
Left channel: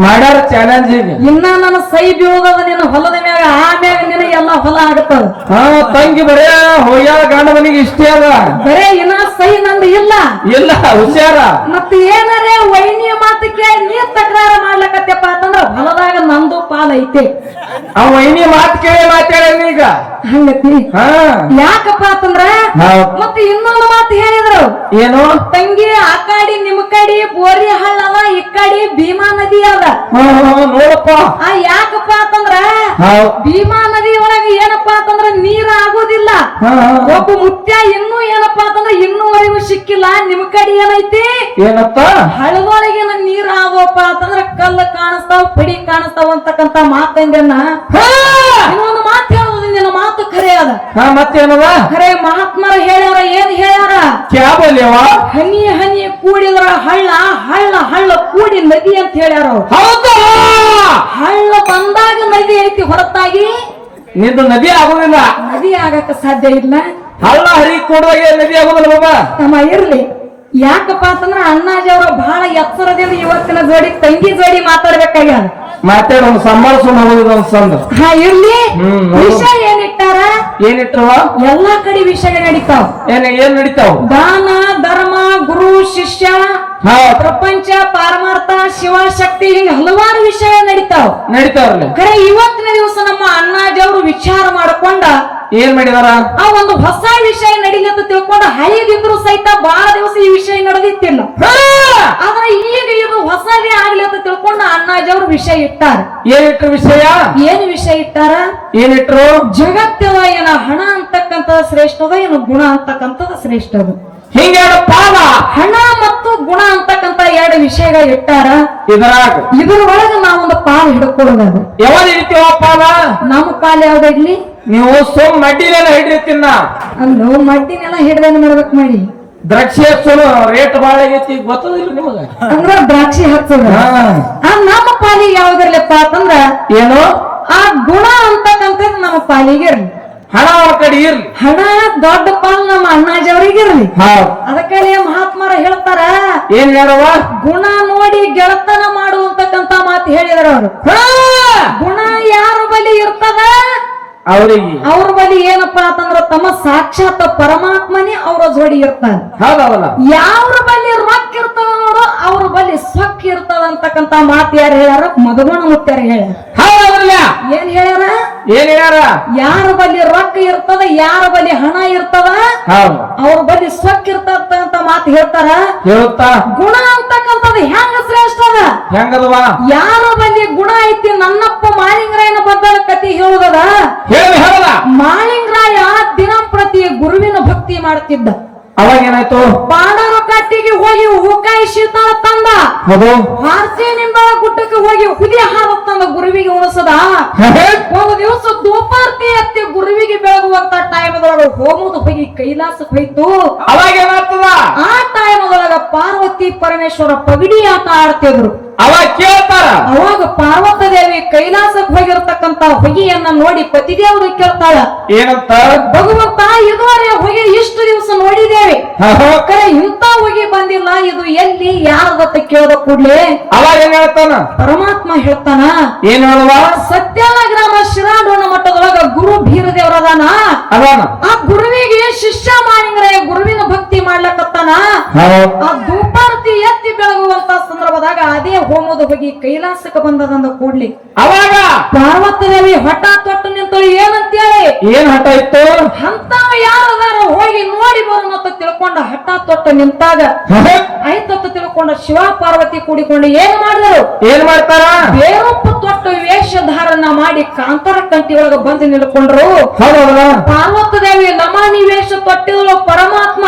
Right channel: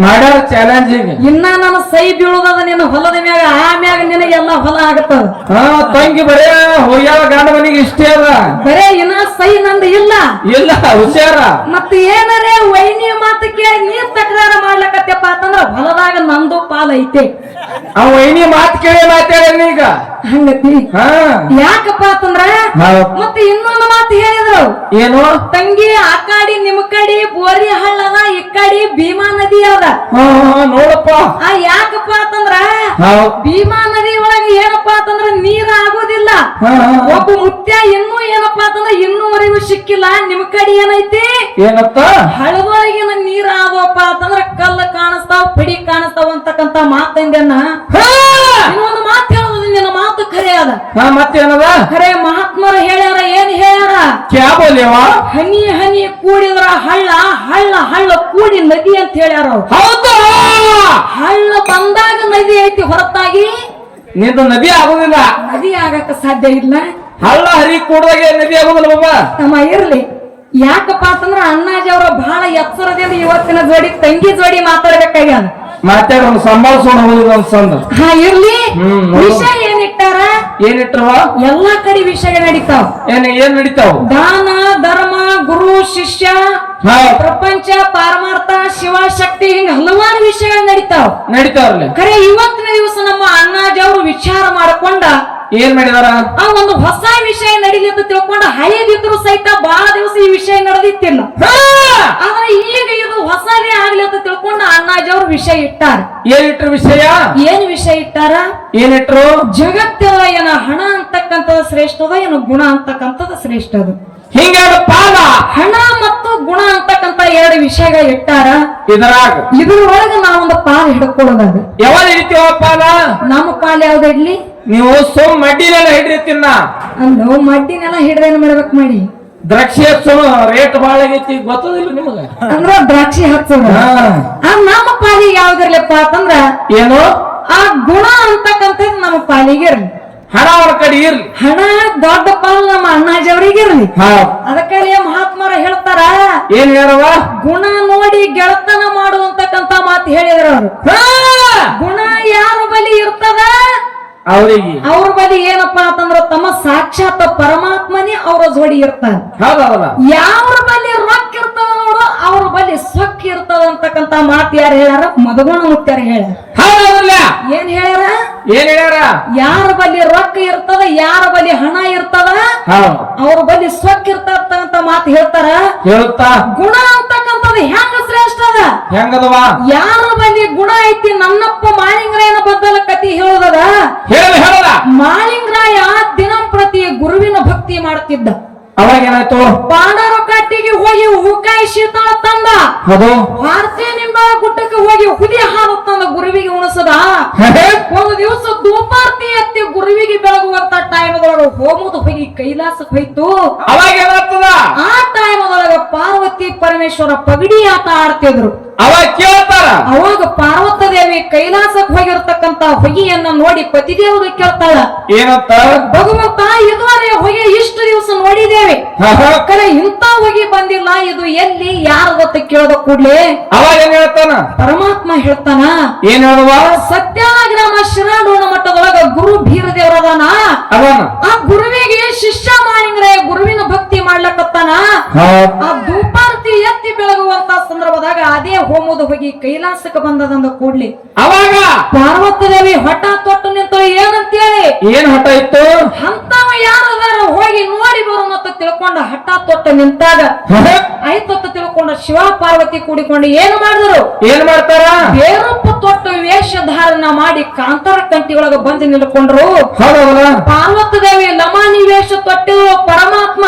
ಮಾಡ್ಯಾರ ಚಾಲೆಂಜ್ ಈಗ ಇನ್ನ ನನ್ನ ಸೈ ಬೀಳುದದ ನಿನ್ನ ಹೊಲದ ಮ್ಯಾಗ ಆಮ್ಯಾಗ ನಿನಗೆಲ್ಲ ಹೊಲ ಆಗತ್ತದ ತಂಗಿ ಬರೇ ಹೋಗ್ಯಾವ ಗಂಡ ಮನೆಗೆ ಇಷ್ಟೇ ಅದ ಬರೇ ಇನ್ನ ಸೈ ನಂದು ಇಲ್ಲ ಇಲ್ಲ ಹುಷಾರ ಮತ್ತೆ ಏನಾರೇ ವೈನಿ ಮಾತು ಕೇಳಿ ನೀ ತಕರಾರ ಮಾಡ್ಲಕತ್ತಪ್ಪ ಅಂತಂದ್ರ ಹೊಲದಾಗ ನಂದು ಪಾಲ ಐತೆ ಅವ ವೈನಿ ಮಾತು ಕೇಳಿ ಮಾತಾಡ ಈಗ ಹಂಗತಿ ಹಾ ಯಾಕಪ್ಪ ಅಂತಂದ್ರ ಮತ್ತೆ ಇನ್ನೊಂದು ಮಾತು ಹೇಳಿದ್ರು ಏನು ತಂಗಿ ಆ ಕಾಡಿ ನಿಮ್ ಕಡಿ ಬೋರಿ ಹಳ್ಳ ಅದ ಈ ಕಡಿ ಭೀಮಾ ನದಿ ಅದ ನೋಡಪ್ಪ ಯಾಕಪ್ಪ ಅಂತಂದ್ರ ಭೀಮಾ ನದಿ ಒಳಗೆ ಏನಪ್ಪಾ ಅಂತಂದ್ರ ನೀರ್ ಆಗೋದಿಲ್ಲ ಒಬ್ಬ ಮುತ್ಯ ಇನ್ನೂ ಏನಪ್ಪಾ ಅಂತಂದ್ರ ಇನ್ನೂವರೆಗೂ ಸಿಕ್ಕಿಲ್ಲ ನಿಮ್ ಕಡಿ ಏನೈತಿ ಏನಪ್ಪ ಹಳದೊಳಗಿನ ನೀರ್ ಆಗೋಪ್ಪ ಅಂತಂದ್ರ ಕಲ್ಲು ಕಾಣಿಸ್ತಾವ್ ಪಿಡಿ ಕಾಣಿಸ್ತಾವ ಅಂತಕ್ಕಂತ ಮಾತಂಗನ್ನ ಇನ್ನೊಂದು ಮಾತು ಹೇಳೋದು ನಿನ್ನ ಮಾತು ಖರೆ ಅದ ಮತ್ತೇನದ ಖರೆ ಮಹಾತ್ಮರು ಹೇಳ್ಯಾರ ಏನ್ ಹೇಳ್ಯಾರ ಕ್ಯಾಬಲ್ಯವ ಹನಿ ಹನಿ ಕೂಡಿದ್ರ ಹಳ್ಳ ಹಳ್ಳ ಹಳ್ಳ ಕೂಡಿ ನದಿ ಅಂತ ಹೇಳ್ಯಾರ ಹೌದಾ ಹಳ್ಳ ಬಂದಾಗ ನದಿ ಐತಿ ಹೊರತಾಗಿ ನಿಂದು ನದಿ ಆಗುದಿಲ್ಲ ನದಿ ಆಗಕ್ಕ ಸಾಧ್ಯ ಇಲ್ಲ ಹಳ್ಳ ಹರಿ ಕೂಡದಾಗ ನದಿ ಆಗುದಿಲ್ಲ ಬಾಬಾ ತಮ್ಮ ಇರ್ಲಿ ಯಾಕಪ್ಪ ಅಂತಂದ್ರ ಅಣ್ಣಾಜಿಯವ್ರ ಬಹಳ ಎಚ್ಚರದಿಂದ ಇವತ್ತಿನ ಜೋಡಿ ತಂಗಿ ಜೋಡಿ ಮಾತಾಡ್ಬೇಕಾಗ್ಯಾದ ಮಾತಾಡ ಒಂದು ಸಂಭಾಳಿಸೋಣ ಹೋಗುದು ಒಂದ್ ಇರ್ಲಿ ವಿಷಯ ಏನಿಟ್ಟಾರ ಏನಿಟ್ರವ ಎಲ್ಲಾ ಕಡೆ ವಿಷಯ ನಡೀತಾವ ಏನ್ ನಡೀತಾವ ದಾನ ಧರ್ಮ ಗುರು ಶಿಷ್ಯ ಪ್ರಪಂಚ ಪಾರಮಾರ್ಥ ಶಿವಶಕ್ತಿ ಹಿಂಗ ಹಲವಾರು ವಿಷಯಗಳು ನಡೀತಾವ್ರಲ್ಲ ಖರೆ ಇವತ್ತಿನ ದಿವಸ ನಮ್ಮ ಅಣ್ಣಾಜಿಯವರು ವಿಚಾರ ಮಾಡ್ಕೊಂಡ ಏನ್ ಮಾಡಿದಾರ ಆ ಒಂದು ಹೊಸ ವಿಷಯ ನಡೀಲಿ ಅಂತ ತಿಳ್ಕೊಂಡ ಹಳೆದಿದ್ರು ಸಹಿತ ಬಹಳ ದಿವಸ ಈ ವಿಷಯ ನಡೆದಿತ್ತಿಲ್ಲ ಆದ್ರೆ ಈಗ ಇದು ಹೊಸದೇ ಆಗ್ಲಿ ಅಂತ ತಿಳ್ಕೊಂಡ ಅಣ್ಣಾಜಿಯವರು ವಿಷಯ ಇಟ್ಟಾರ ಏನಿಟ್ರು ವಿಷಯ ಏನ್ ವಿಷಯ ಇಟ್ಟಾರ ಏನಿಟ್ರು ಜಗತ್ತಿನ ಏನ ಹಣ ಅಂತಕ್ಕಂತ ಶ್ರೇಷ್ಠದ ಏನು ಗುಣ ಅಂತಕ್ಕಂಥದ್ದು ಶ್ರೇಷ್ಠದ ಹಿಂಗ ಪಾದ ಹಣ ಮತ್ತು ಗುಣ ಅಂತಕ್ಕಂತ ಎರಡು ವಿಷಯಗಳು ಇಟ್ಟಾರ ಇದ್ರೊಳಗ ನಾವೊಂದು ಪಾಲ್ ಹಿಡ್ಕೊಳ್ಳೋದು ಯಾವಾಗ ಹಿಡಿತೀವ ಪಾಲ ನಮ್ಮ ಪಾಲ್ ಯಾವ್ದಿಡ್ಲಿ ನೀವು ಸೋಮ್ ಮಡ್ಡಿನೆಲ್ಲ ಹಿಡಿತೀನ ಅಲ್ಲೋ ಮಡ್ಡಿನೆಲ್ಲ ಹಿಡ್ದೇನ್ ಮಾಡ್ಬೇಕು ಮಾಡಿ ದ್ರಾಕ್ಷಿ ಹಚ್ಚೋನು ರೇಟ್ ಬಾಳ ಆಗೈತಿ ಗೊತ್ತದಿಲ್ಲ ನಿಮಗ ಅಂದ್ರ ದ್ರಾಕ್ಷಿ ಹಚ್ಚೋದು ನಮ್ಮ ಪಾಲಿಗೆ ಯಾವ್ದಿರ್ಲಪ್ಪ ಅಂತಂದ್ರ ಏನು ಆ ಗುಣ ಅಂತಕ್ಕಂಥದ್ದು ನಮ್ಮ ಪಾಲಿಗೆ ಇರ್ಲಿ ಹಣ ಅವ್ರ ಕಡೆ ಇರ್ಲಿ ಹಣ ದೊಡ್ಡ ಪಾಲ್ ನಮ್ಮ ಅಣ್ಣಾಜಿಯವರಿಗೆ ಇರ್ಲಿ ಅದಕ್ಕೆ ಮಹಾತ್ಮರು ಹೇಳ್ತಾರ ಏನ್ ಹೇಳವ ಗುಣ ನೋಡಿ ಗೆಳತನ ಮಾಡುವಂತಕ್ಕಂತ ಮಾತು ಹೇಳಿದಾರ ಅವರು ಗುಣ ಯಾರ ಬಲಿ ಇರ್ತದ ಅವ್ರ ಬಲಿ ಏನಪ್ಪಾ ಅಂತಂದ್ರ ತಮ್ಮ ಸಾಕ್ಷಾತ್ ಪರಮಾತ್ಮನೇ ಅವ್ರ ಜೋಡಿ ಇರ್ತಾನೆ ಯಾವ್ರ ಬಲಿ ರೊಕ್ಕ ಇರ್ತದ ನೋಡು ಅವ್ರ ಬಲಿ ಸೊಕ್ಕ ಇರ್ತದ ಅಂತಕ್ಕಂತ ಮಾತು ಯಾರು ಹೇಳ್ಯಾರ ಮಧುಗುಣ ಮುತ್ಯಾರ ಹೇಳ್ಯಾರ ಏನ್ ಹೇಳ್ಯಾರ ಯಾರ ಬಲಿ ರೊಕ್ಕ ಇರ್ತದ ಯಾರ ಬಲಿ ಹಣ ಇರ್ತದ ಅವ್ರ ಬಲಿ ಸೊಕ್ಕ ಇರ್ತದ ಅಂತ ಮಾತು ಹೇಳ್ತಾರ ಗುಣ ಅಂತಕ್ಕಂಥದ್ದು ಹೆಂಗ ಶ್ರೇಷ್ಠ ಅದ ಹೆಂಗದವ ಯಾರ ಬಲಿ ಗುಣ ಐತಿ ನನ್ನಪ್ಪ ಮಾಳಿಂಗರಾಯನ ಬದ್ದಲ ಕತಿ ಹೇಳುದದ ಮಾಳಿಂಗರಾಯ ದಿನಂಪ್ರತಿ ಗುರುವಿನ ಭಕ್ತಿ ಮಾಡ್ತಿದ್ದ ಅವಾಗ ಏನಾಯ್ತು ಪಾಂಡವ ಕಟ್ಟಿಗೆ ಹೋಗಿ ಹೂಕಾಯಿ ಶೀತಳ ತಂದ ಭಾರತೀಯ ನಿಂಬಳ ಗುಡ್ಡಕ್ಕೆ ಹೋಗಿ ಹುಲಿ ಹಾಲು ತಂದ ಗುರುವಿಗೆ ಉಣಿಸದ ಒಂದು ದಿವಸ ಧೂಪಾರ್ತಿ ಎತ್ತಿ ಗುರುವಿಗೆ ಬೆಳಗುವಂತ ಟೈಮ್ ಒಳಗ ಹೋಗುದು ಹೋಗಿ ಕೈಲಾಸಕ್ಕೆ ಹೋಯ್ತು ಅವಾಗ ಏನಾಗ್ತದ ಆ ಟೈಮ್ ಒಳಗ ಪಾರ್ವತಿ ಪರಮೇಶ್ವರ ಪಗಡಿ ಆಟ ಆಡ್ತಿದ್ರು ಅವಾಗ ಕೇಳ್ತಾರ ಅವಾಗ ಪಾರ್ವತ ದೇವಿ ಕೈಲಾಸಕ್ಕೆ ಹೋಗಿರ್ತಕ್ಕಂತ ಹೊಗೆಯನ್ನ ನೋಡಿ ಪತಿದೇವರು ಕೇಳ್ತಾಳ ಏನಂತ ಭಗವಂತ ಇದುವರೆ ಹೊಗೆ ಇಷ್ಟು ದಿವಸ ನೋಡಿದ್ದೇವೆ ಕರೆ ಇಂತ ಹೊಗೆ ಬಂದಿಲ್ಲ ಇದು ಎಲ್ಲಿ ಯಾರದತ್ತ ಕೇಳದ ಕೂಡ್ಲೆ ಅವಾಗ ಏನ್ ಹೇಳ್ತಾನ ಪರಮಾತ್ಮ ಹೇಳ್ತಾನ ಏನ್ ಹೇಳುವ ಸತ್ಯಾನ ಗ್ರಾಮ ಶಿರಾಡೋಣ ಮಟ್ಟದೊಳಗ ಗುರು ಭೀರದೇವರದಾನ ಆ ಗುರುವಿಗೆ ಶಿಷ್ಯ ಮಾಳಿಂಗರಾಯ ಗುರುವಿನ ಭಕ್ತಿ ಮಾಡ್ಲಕತ್ತಾನ ಆ ಧೂಪಾರತಿ ಎತ್ತಿ ಬೆಳಗುವಂತ ಸಂದರ್ಭದಾಗ ಅದೇ ಹೋಮದ ಹೋಗಿ ಕೈಲಾಸಕ್ಕೆ ಬಂದದಂದ ಕೂಡ್ಲಿ ಅವಾಗ ಪಾರ್ವತಿ ದೇವಿ ಹಠ ತೊಟ್ಟು ನಿಂತಳು ಏನಂತೇಳಿ ಏನ್ ಹಠ ಇತ್ತು ಅಂತವ ಯಾರದಾರ ಹೋಗಿ ನೋಡಿ ಬರೋಣ ಅಂತ ತಿಳ್ಕೊಂಡ ಹಠ ತೊಟ್ಟು ನಿಂತಾಗ ಆಯ್ತು ತಿಳ್ಕೊಂಡ ಶಿವ ಪಾರ್ವತಿ ಕೂಡಿಕೊಂಡು ಏನ್ ಮಾಡ್ತಾರ ಬೇರೊಪ್ಪ ತೊಟ್ಟು ವೇಷಧಾರಣ ಮಾಡಿ ಕಾಂತಾರ ಕಂಟಿ ಒಳಗ ಬಂದು ನಿಲ್ಕೊಂಡ್ರು ಪಾರ್ವತಿ ದೇವಿ ನಮಾನಿ ವೇಷ ತೊಟ್ಟಿದ್ರು ಪರಮಾತ್ಮ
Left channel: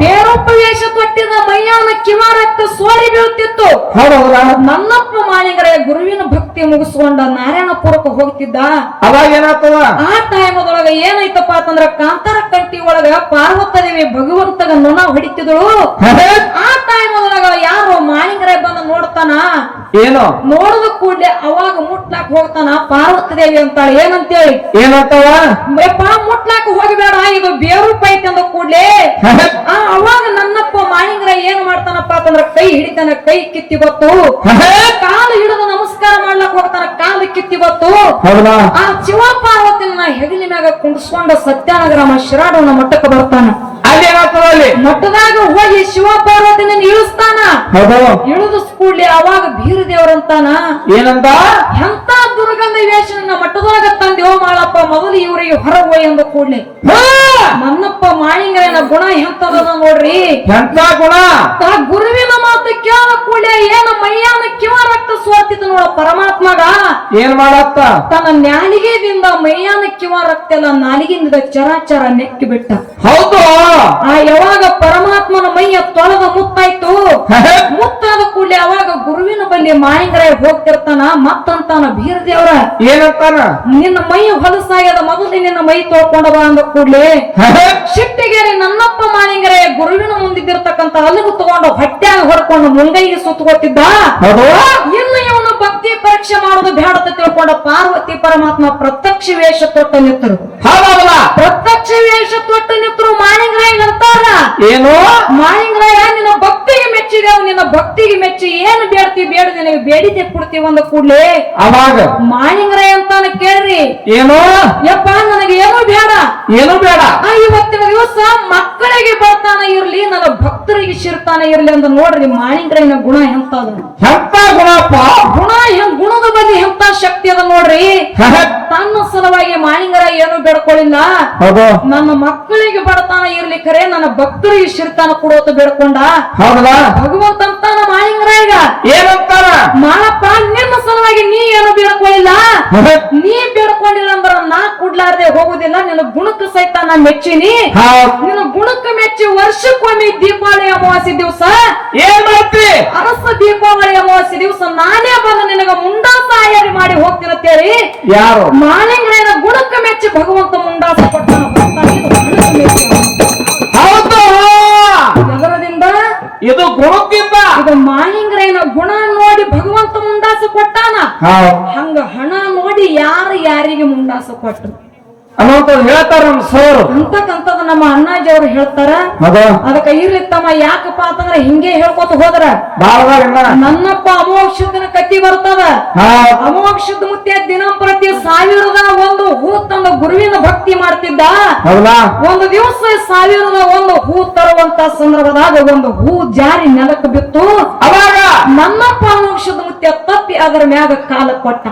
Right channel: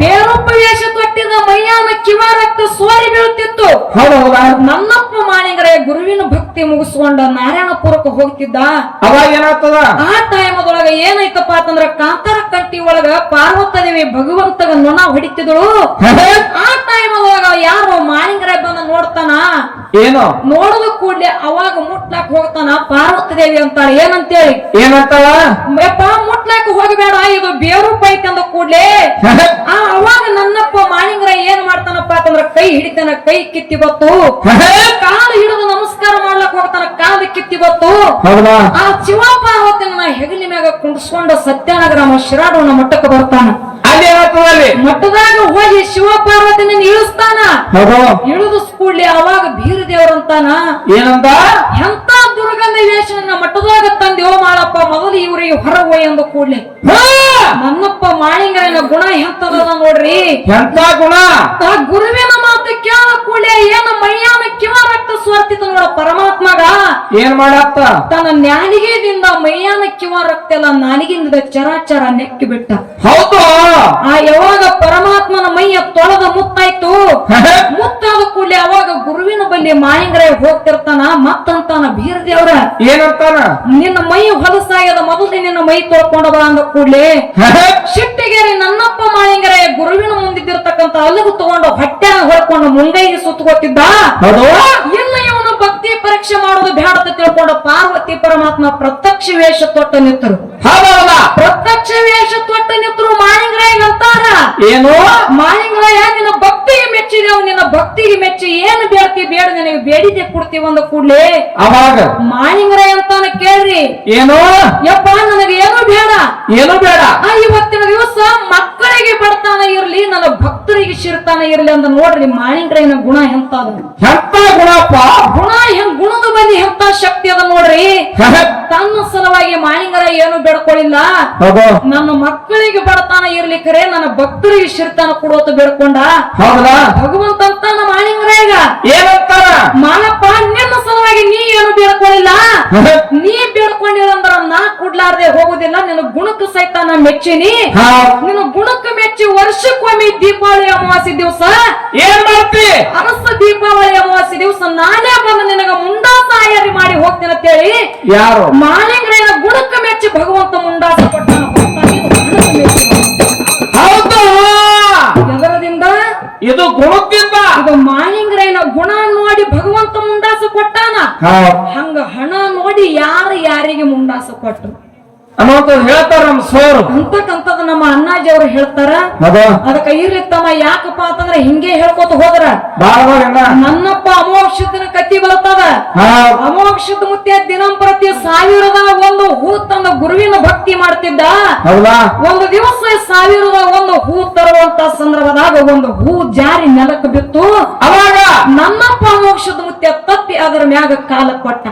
ಬೇರೊಪ್ಪ ವೇಷ ತೊಟ್ಟಿದ ಮೈಯಾನ ಕಿವಾರಕ್ತ ಸೋರಿ ಬೀಳುತ್ತಿತ್ತು ನನ್ನಪ್ಪ ಮಾಳಿಂಗರಾಯ ಗುರುವಿನ ಭಕ್ತಿ ಮುಗಿಸ್ಕೊಂಡ ನಾರಾಯಣಪುರಕ್ಕೆ ಹೋಗ್ತಿದ್ದ ಅವಾಗ ಏನಾಗ್ತದ ಆ ಟೈಮದೊಳಗ ಏನಾಯ್ತಪ್ಪ ಏನಪ್ಪಾ ಅಂತಂದ್ರ ಕಾಂತಾರ ಕಂಟಿ ಒಳಗ ಪಾರ್ವತದೇವಿ ಭಗವಂತಗ ನೊಣ ಹೊಡಿತಿದಳು. ಆ ಟೈಮ್ ಒಳಗ ಯಾರು ಮಾಳಿಂಗರಾಯ ಬಂದ ನೋಡ್ತಾನ. ಏನು ನೋಡಿದ ಕೂಡ್ಲೆ ಅವಾಗ ಮುಟ್ಲಾಕ್ ಹೋಗ್ತಾನ. ಪಾರ್ವತದೇವಿ ಅಂತಾಳ ಏನಂತೇಳಿ ಏನಂತಾಳ? ಯಪ್ಪ ಮುಟ್ಲಾಕ್ ಹೋಗಬೇಡ, ಇದು ಬೇರು ಪೈತ್ ಅಂದ ಕೂಡ್ಲೆ ಅವಾಗ ನನ್ನಪ್ಪ ಮಾಳಿಂಗರಾಯ ಏನ್ ಮಾಡ್ತಾನಪ್ಪ ಅಂತಂದ್ರ ಕೈ ಹಿಡಿತಾನ. ಕೈ ಕಿತ್ತಿ ಬತ್ತು. ಕಾಲು ಹಿಡಿದು ನಮಸ್ಕಾರ ಮಾಡ್ಲಕ್ ಹೋಗ್ತಾನ. ಕಾಲು ಕಿತ್ತಿ ಬತ್ತು. ಆ ಶಿವ ಪಾರ್ವತಿನ ಹೆಗಲಿ ಮ್ಯಾಗ ಕುಂಡಿಸ್ಕೊಂಡ ಸತ್ಯನಗರ ಶಿರಾಡೋಣ ಮಟ್ಟಕ್ಕೆ ಬರ್ತಾನ. ಅಲ್ಲಿ ಮಟ್ಟದಾಗ ಹೋಗಿ ಶಿವ ಪಾರ್ವತಿನ ಇಳಿಸ್ತಾನ. ಇಳಿದು ಕೂಡ್ಲಿ ಅವಾಗ ಬೀರ ದೇವರಂತಾನ. ಏನಂತ? ಎಂತ ದುರ್ಗಂಧ ವೇಷನ ಮಟ್ಟದಾಗ ತಂದೆಯೋ ಮಾಳಪ್ಪ, ಮೊದಲು ಇವರಿಗೆ ಹೊರಗೋಯ್ ಅಂದ ಕೂಡ್ಲಿ ನನ್ನಪ್ಪ ಮಾಳಿಂಗರಾಯನ ಗುಣ ಎಂತದ ನೋಡ್ರಿ. ಎಂತ ಗುಣ? ಆ ಗುರುವಿನ ಮಾತು ಕೇಳ ಕೂಡಲೇ ಏನು ಮೈಯಾನ ಕಿವ ರಕ್ತ ಸ್ವಾರ್ತಿತ ನೋಡ ಪರಮಾತ್ಮಗ. ಏನ್ ಮಾಡತ್ತ? ತನ್ನ ನ್ಯಾಲಿಗೆದಿಂದ ಮೈಯಾನ ಕಿವ ರಕ್ತ ಎಲ್ಲ ನಾಲಿಗೆಯಿಂದ ಚರಾಚರ ನೆಕ್ಕಿ ಬಿಟ್ಟ. ಹೌದು. ಆ ಯಾವಾಗ ಪರಮಾತ್ಮನ ಮೈಯ ತೊಳೆದ ಮುತ್ತಾಯ್ತು. ಮುತ್ತಾದ ಕೂಡಲೇ ಅವಾಗ ಗುರುವಿನ ಬಳಿ ಮಾಳಿಂಗರಾಯ ಹೋಗ್ತಿರ್ತಾನ. ಮತ್ತಂತಾನ ಬೀರ ದೇವ್ರ ಏನಂತಾನ? ನಿನ್ನ ಮೈ ಹೊಲಸಾಗ್ಯದ, ಮೊದಲು ನಿನ್ನ ಮೈ ತೊಳ್ಕೊಂಡ ಬಾ ಅಂದ ಕೂಡ್ಲೆ ಶಿಟ್ಟಿಗೇರಿ ನನ್ನಪ್ಪ ಮಾಳಿಂಗರಾಯ ಗುರುವಿನ ಮುಂದಿದ್ದಿರ್ತಕ್ಕಂತ ಅಲ್ಲಿಗೂ ತಗೊಂಡು ಹೊಟ್ಟ್ಯಾಗ ಹೊಡ್ಕೊಂಡು ಮುಂಗೈಗೆ ಸುತ್ತಗೊತ್ತಿದ್ದ. ಇನ್ನು ಇವನು ಭಕ್ತಿ ಪರೀಕ್ಷೆ ಮಾಡೋದು ಬೇಡ ಅಂತ ತಿಳ್ಕೊಂಡ ಪಾರ್ವತಿ ಪರಮಾತ್ಮ ಪ್ರತ್ಯಕ್ಷ ವೇಷ ತೊಟ್ಟ ನಿಂತರು. ಪ್ರತ್ಯಕ್ಷ ವೇಷ ತೊಟ್ಟ ನಿಂತರು ಮಾಳಿಂಗರಾಯ ಅಂತಾರ. ಏನು? ಮಾಳಿಂಗರಾಯ ನಿನ್ನ ಭಕ್ತಿಗೆ ಮೆಚ್ಚಿದೇವು, ನಿನ್ನ ಭಕ್ತಿಗೆ ಮೆಚ್ಚಿ ಏನು ಬೇಡ್ತಿ ಬೇಡ, ನಿನಗೆ ಬೇಡಿದೆ ಕೊಡ್ತೀವಿ ಅಂದ ಕೂಡ್ಲೆ ಅವಾಗ ಮಾಳಿಂಗರಾಯ ಅಂತಾನ ಕೇಳ್ರಿ. ಏನು? ಯಪ್ಪ ನನಗೆ ಏನು ಬೇಡ, ಏನು ಬೇಡ. ಇವತ್ತಿನ ದಿವಸ ಮಕ್ಕಳಿಗೆ ಬರ್ತಾನ ಇರ್ಲಿ, ನನ್ನ ಭಕ್ತರಿಗೆ ಶಿರ್ತಾನ ಇರ್ಲಿ ಅಂತ ನೋಡ್ರಿ ಮಾಳಿಂಗರಾಯನ ಗುಣ ಎಂತದ. ಎಂತ ಗುಣಪ್ಪ? ಗುಣದ ಬಳಿ ಎಂತ ಶಕ್ತಿ ಅದ ನೋಡ್ರಿ. ತನ್ನ ಸಲುವಾಗಿ ಮಾಳಿಂಗರಾಯ ಏನು ಬೇಡ್ಕೊಳ್ಳಿಲ್ಲ. ನನ್ನ ಮಕ್ಕಳಿಗೆ ಬರ್ತಾನ ಇರ್ಲಿ ಖರೆ, ನನ್ನ ಭಕ್ತರಿಗೆ ಶಿರ್ತಾನ ಕೊಡೋತ ಬೇಡ್ಕೊಂಡ. ಭಗವಂತ ಅಂತಾನ ಮಾಳಿಂಗರಾಯಗ ಏನಂತಾರ? ಮಾನಪ್ಪ ನಿನ್ನ ಸಲುವಾಗಿ ನೀ ಏನು ಬೇಡ್ಕೊಳ್ಳಿಲ್ಲ. ನೀ ಬೇಡ್ಕೊಂಡಿಲ್ಲ ಅಂದ್ರ ನಾ ಕೊಡ್ಲಾರ್ದೆ ಹೋಗುದಿಲ್ಲ. ನಿನ್ನ ಗುಣಕ್ಕೆ ಸಹಿತ ನಾ ಮೆಚ್ಚಿನಿ. ನಿನ್ನ ಗುಣಕ್ಕೆ ಮೆಚ್ಚಿ ವರ್ಷಕ್ಕೊಮ್ಮೆ ದೀಪಾವಳಿ ಅಮಾವಾಸ್ಯೆ ದಿವಸ ಏನ್ ಮಾಡ್ತಿ? ಅರಸ ದೀಪಾವಳಿ ಅಮಾವಾಸ್ಯೆ ದಿವಸ ನಾನೇ ಬಂದು ನಿನಗ ಮುಂಡಾಸ ಆಯಾರಿ ಮಾಡಿ ಹೋಗ್ತೀನಿ ಅಂತೇಳಿ ಯಾರು? ಮಾಳಿಂಗರಾಯನ ಗುಣಕ್ಕೆ ಮೆಚ್ಚಿ ಭಗವಂತ ಮುಂಡಾಸ ಕೊಟ್ಟ. ಎದರದಿಂದ? ಇದು ಗುಣಕ್ಕಿಂತ. ಇದು ಮಾಳಿಂಗರಾಯನ ಗುಣ ನೋಡಿ ಭಗವಂತ ಮುಂಡಾಸ ಕೊಟ್ಟಾನ. ಹಂಗ ಹಣ ನೋಡಿ ಯಾರಿಗೆ ಮುಂಡಾಸ ಕೊಟ್ಟರು ಅನ್ನೋಂಥದ್ದು ಹೇಳ್ತಾರ ನಮ್ ಸೋರು. ಅಂತಕ್ಕಂಥದ್ದು ನಮ್ಮ ಅಣ್ಣಾಜಿ ಅವ್ರು ಹೇಳ್ತಾರ. ಅದಕ್ಕ ಇರ್ಲಿ ತಮ್ಮ, ಯಾಕಪ್ಪ ಅಂತಂದ್ರೆ ಹಿಂಗೆ ಹೇಳ್ಕೊತ ಹೋದ್ರ ನನ್ನಪ್ಪ ಅಮೋಕ್ಷದ ಕತ್ತಿ ಬರ್ತದ. ಅಮೋಕ್ಷದ ಮುತ್ತೆ ದಿನಂಪ್ರತಿ 1001 ಹೂ ತಂದ ಗುರುವಿನ ಭಕ್ತಿ ಮಾಡ್ತಿದ್ದ. ಒಂದು ದಿವಸ 1001 ಹೂ ತರುವಂತ ಸಂದರ್ಭದಾಗ ಒಂದು ಹೂ ಜಾರಿ ನೆಲಕ್ಕೆ ಬಿತ್ತು. ಅವಾಗ ನನ್ನಪ್ಪ ಅಮೋಕ್ಷದ ಮುತ್ತೆ ತಪ್ಪಿ ಅದರ ಮ್ಯಾಗ ಕಾಲ ಕೊಟ್ಟ.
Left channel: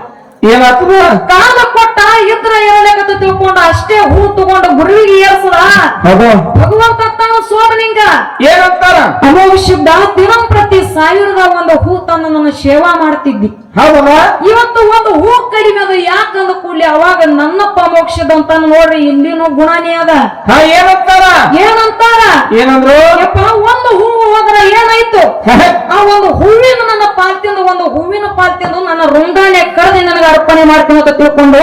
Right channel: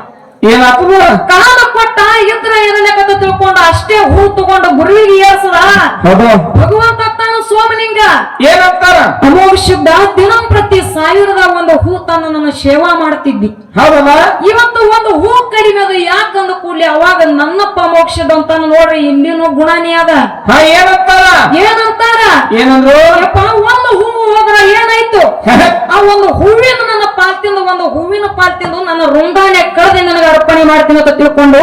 ಏನಾಗ್ತದ? ಕಾಲ ಕೊಟ್ಟ ಇದ್ರ ಇರಲೇಕಂತ ತಿಳ್ಕೊಂಡು ಅಷ್ಟೇ ಹೂ ತಗೊಂಡು ಗುರುವಿಗೆ ಏರ್ಸದ. ಭಗವಂತ ತಾನು ಸೋಮಲಿಂಗ ಏನಂತಾರ? ಅಮೋಕ್ಷದ ದಿನಂಪ್ರತಿ 1001 ಹೂ ತನ್ನ ನನ್ನ ಸೇವಾ ಮಾಡ್ತಿದ್ದಿ. ಹೌದಲ್ಲ? ಇವತ್ತು ಒಂದು ಹೂ ಕಡಿಮೆ ಅದ. ಯಾಕಂದ ಕೂಡ್ಲಿ ಅವಾಗ ನನ್ನಪ್ಪ ಮೋಕ್ಷದ ಅಂತ ನೋಡ್ರಿ ಇಲ್ಲಿನೂ ಗುಣನೇ ಅದ. ಏನಂತಾರ? ಏನಂದ್ರು? ಯಪ್ಪ ಒಂದು ಹೂ ಹೋದ್ರ ಏನಾಯ್ತು? ಆ ಒಂದು ಹೂವಿನ ನನ್ನ ಪಾಲ್ತಿಂದು, ಒಂದು ಹೂವಿನ ಪಾಲ್ತಿಂದು ನನ್ನ ರುಂಗಾನೆ ಕಳೆದು ನನಗೆ ಅರ್ಪಣೆ ಮಾಡ್ತೀನಿ ಅಂತ ತಿಳ್ಕೊಂಡು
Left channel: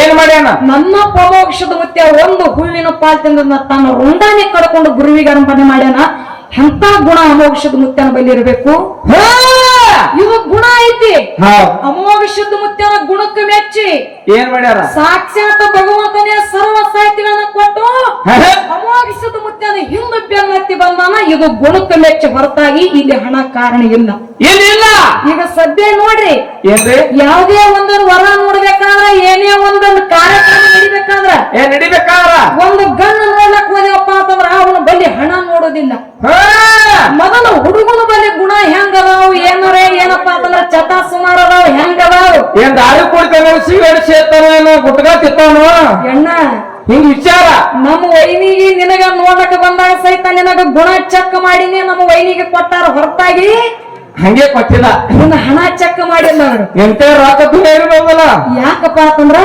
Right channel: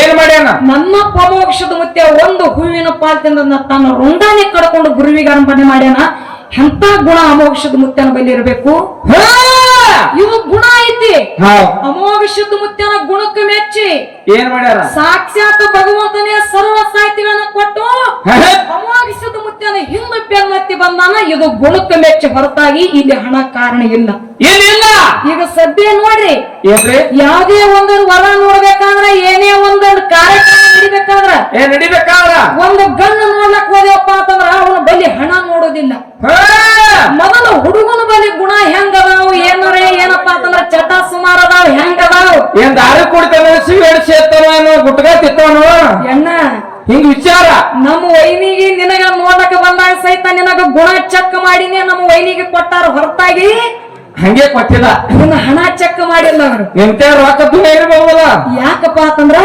ಏನ್ ಮಾಡ್ಯಾನ? ನನ್ನಪ್ಪ ಮೋಕ್ಷದ ಮುತ್ಯ ಒಂದು ಹೂವಿನ ಪಾಲ್ತಿಂದ ತನ್ನ ರುಂಗಾನೆ ಕಡ್ಕೊಂಡು ಗುರುವಿಗೆ ಅರ್ಪಣೆ ಮಾಡ್ಯಾನ. ಎಂತ ಗುಣ ಅಮೋಕ್ಷದ ಮುತ್ಯನ ಬಳಿ ಇರಬೇಕು. ಇವು ಗುಣ ಐತಿ. ಅಮೋಘ ಮುತ್ಯನ ಗುಣಕ್ಕೆ ಮೆಚ್ಚಿ ಏನ್ ಮಾಡ್ಯಾರ? ಸಾಕ್ಷಾತ್ ಭಗವಂತನೇ ಸರ್ವ ಸಾಹಿತ್ಯಗಳನ್ನ ಕೊಟ್ಟು ಅಮೋಘ ಮುತ್ಯನ ಹಿಂದೆ ಬೆನ್ನತ್ತಿ ಬಂದಾನ. ಇದು ಗುಣಕ್ಕೆ ಮೆಚ್ಚಿ ಹೊರತಾಗಿ ಇಲ್ಲಿ ಹಣ ಕಾರಣ ಇಲ್ಲ. ಏನಿಲ್ಲ. ಈಗ ಸದ್ಯ ನೋಡ್ರಿ, ಏನ್ರಿ? ಯಾವುದೇ ಒಂದೊಂದು ವರ ನೋಡ್ಬೇಕಾದ್ರ, ಏನೇ ಒಂದೊಂದು ಕಾರ್ಯಕ್ರಮ ನಡಿಬೇಕಾದ್ರ ಒಂದು ಗಣ್ಣು ನೋಡ್ಲಕ್ ಹೋದೆವಪ್ಪ ಅಂತಂದ್ರ ಅವನ ಬಳಿ ಹಣ ನೋಡೋದಿಲ್ಲ. ಮೊದಲು ಹುಡುಗನ ಬಳಿ ಗುಣ ಹೆಂಗದಾವ್, ಏನಾರ ಏನಪ್ಪಾ ಅಂತಂದ್ರ ಚಟ ಸುಮಾರು ಅದಾವ್, ಹೆಂಗದಾವ್, ಏನ್ ದಾರಿ ಕುಡಿತಾನ, ಸಿಗರೇಟ್ ಸೇರ್ತಾನ, ಗುಟ್ಕ ತಿತ್ತಾನ, ಎಣ್ಣ ಹಿಂಗ್ ವಿಚಾರ. ನಮ್ಮ ವೈನಿಗೆ ನಿನಗ ನೋಡಕ್ ಬಂದಾಗ ಸಹಿತ ನಿನಗ ಗುಣ ಚೆಕ್ ಮಾಡಿನಿ ನಮ್ಮ ವೈನಿಗೆ ಕೊಟ್ಟಾರ, ಹೊರತಾಗಿ ಹಂಗೆ ಕೊಟ್ಟಿಲ್ಲ. ನಿನ್ನ ಹಣ ಚೆಕ್ ಮಾಡಿಲ್ಲ ಅವರು. ಎಂತ ರಾಕತ್ತು ಹೇಳಿರಲ್ಲ. ಯಾಕಪ್ಪ ಅಂತಂದ್ರ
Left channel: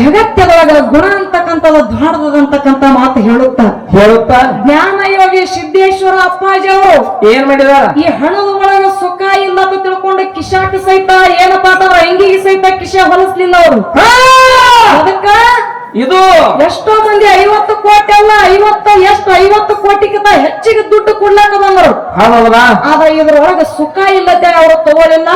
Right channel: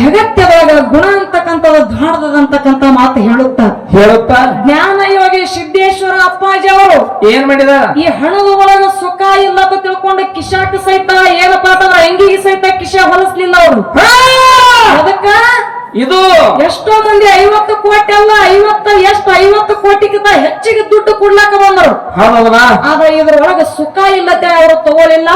ಜಗತ್ತದಾಗ ಗುಣ ಅಂತಕ್ಕಂಥದ್ದು ಧಾಡದಂತಕ್ಕಂಥ ಮಾತು ಹೇಳುತ್ತಾ ಜ್ಞಾನ ಯೋಗಿ ಸಿದ್ದೇಶ್ವರ ಅಪ್ಪಾಜಿ ಅವರು ಏನ್ ಮಾಡಿದಾರ? ಈ ಹಣದ ಒಳಗ ಸುಖ ಇಲ್ಲ ಅಂತ ತಿಳ್ಕೊಂಡು ಕಿಶಾಟಿ ಸಹಿತ ಏನಪ್ಪಾ ಅಂತಂದ್ರ ಅಂಗಿಗೆ ಸಹಿತ ಕಿಶ ಹೊಲಿಸ್ಲಿಲ್ಲ ಅವರು. ಅದಕ್ಕ ಇದು ಎಷ್ಟೋ ಮಂದಿ 50 ಕೋಟಿ ಅಲ್ಲ 50 ಕೋಟಿಗಿಂತ ಹೆಚ್ಚಿಗೆ ದುಡ್ಡು ಕೊಡ್ಲಾಕ ಬಂದರು. ಹೌದಾ? ಆದ್ರೆ ಇದ್ರೊಳಗ ಸುಖ ಇಲ್ಲದೆ ಅವರು ತಗೊಳಿಲ್ಲ.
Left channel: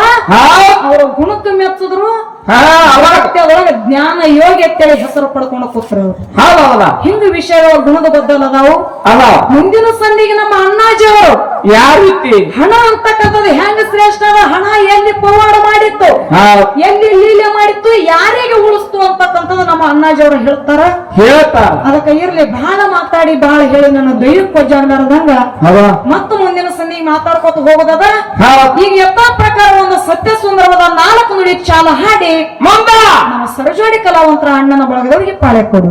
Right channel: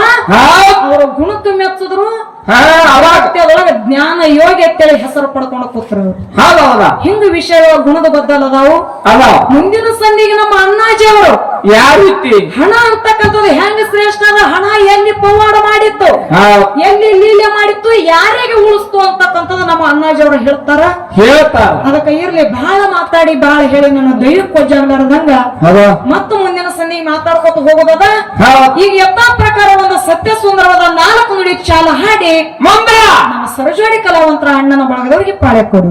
ಅವರು ಗುಣಕ್ಕೆ ಮೆಚ್ಚಿದ್ರು. ಅದ್ರೊಳಗ ಜ್ಞಾನ ಯೋಗಿ ಅಂತೇಳಿ ಹೆಸರು ಪಡ್ಕೊಂಡು ಕೂತ್ರು. ಹೌದಾ? ಹಿಂಗ ವಿಷಯಗಳ ಗುಣದ ಬದ್ದಲ್ಲದಾವು. ಅಲ್ಲ ಮುಂದಿನ ಸಂದಿಗೆ ನಮ್ಮ ಅಣ್ಣಾಜಿ ಅವರು ಯಾವ ರೀತಿ ಹಣ ಅಂತಕ್ಕಂಥದ್ದು ಹೆಂಗ ಶ್ರೇಷ್ಠ ಅದ, ಹಣ ಎಲ್ಲಿ ಪವಾಡ ಮಾಡಿತ್ತು, ಎಲ್ಲಿ ಲೀಲೆ ಮಾಡಿತ್ತು, ಯಾರಿಗೆ ಉಳಿಸ್ತು ಅಂತಕ್ಕಂಥದ್ದು ನಮ್ಮ ಅಣ್ಣಾಜಿ ಅವರು ಹೇಳ್ತಾರ. ಅದಕ್ಕೆ ಇರ್ಲಿ ಬಹಳ ಮಾತಾಡಿ ಬಹಳ ಹೇಳಿ ನನ್ನ ದೈವಕ್ಕೆ ಕೊಜ್ಜಾಗ್ಲಾರ್ದಂಗ ಮತ್ತು ಮುಂದಿನ ಸಂದಿಗೆ ಮಾತಾಡ್ಕೊತ ಹೋಗೋದದ. ಈಗ ಯಥಾ ಪ್ರಕಾರ ಒಂದು ಸತ್ಯ ಸುಂದರವಾದ 4 ನುಡಿ ಚಾಲ ಹಾಡಿ ನಮ್ಮ ಸರಜೋಡಿ ಕಲಾವಂತರ ಅಣ್ಣನ ಬಳಗದವರಿಗೆ ಪಾಳೆ ಕೊಡು.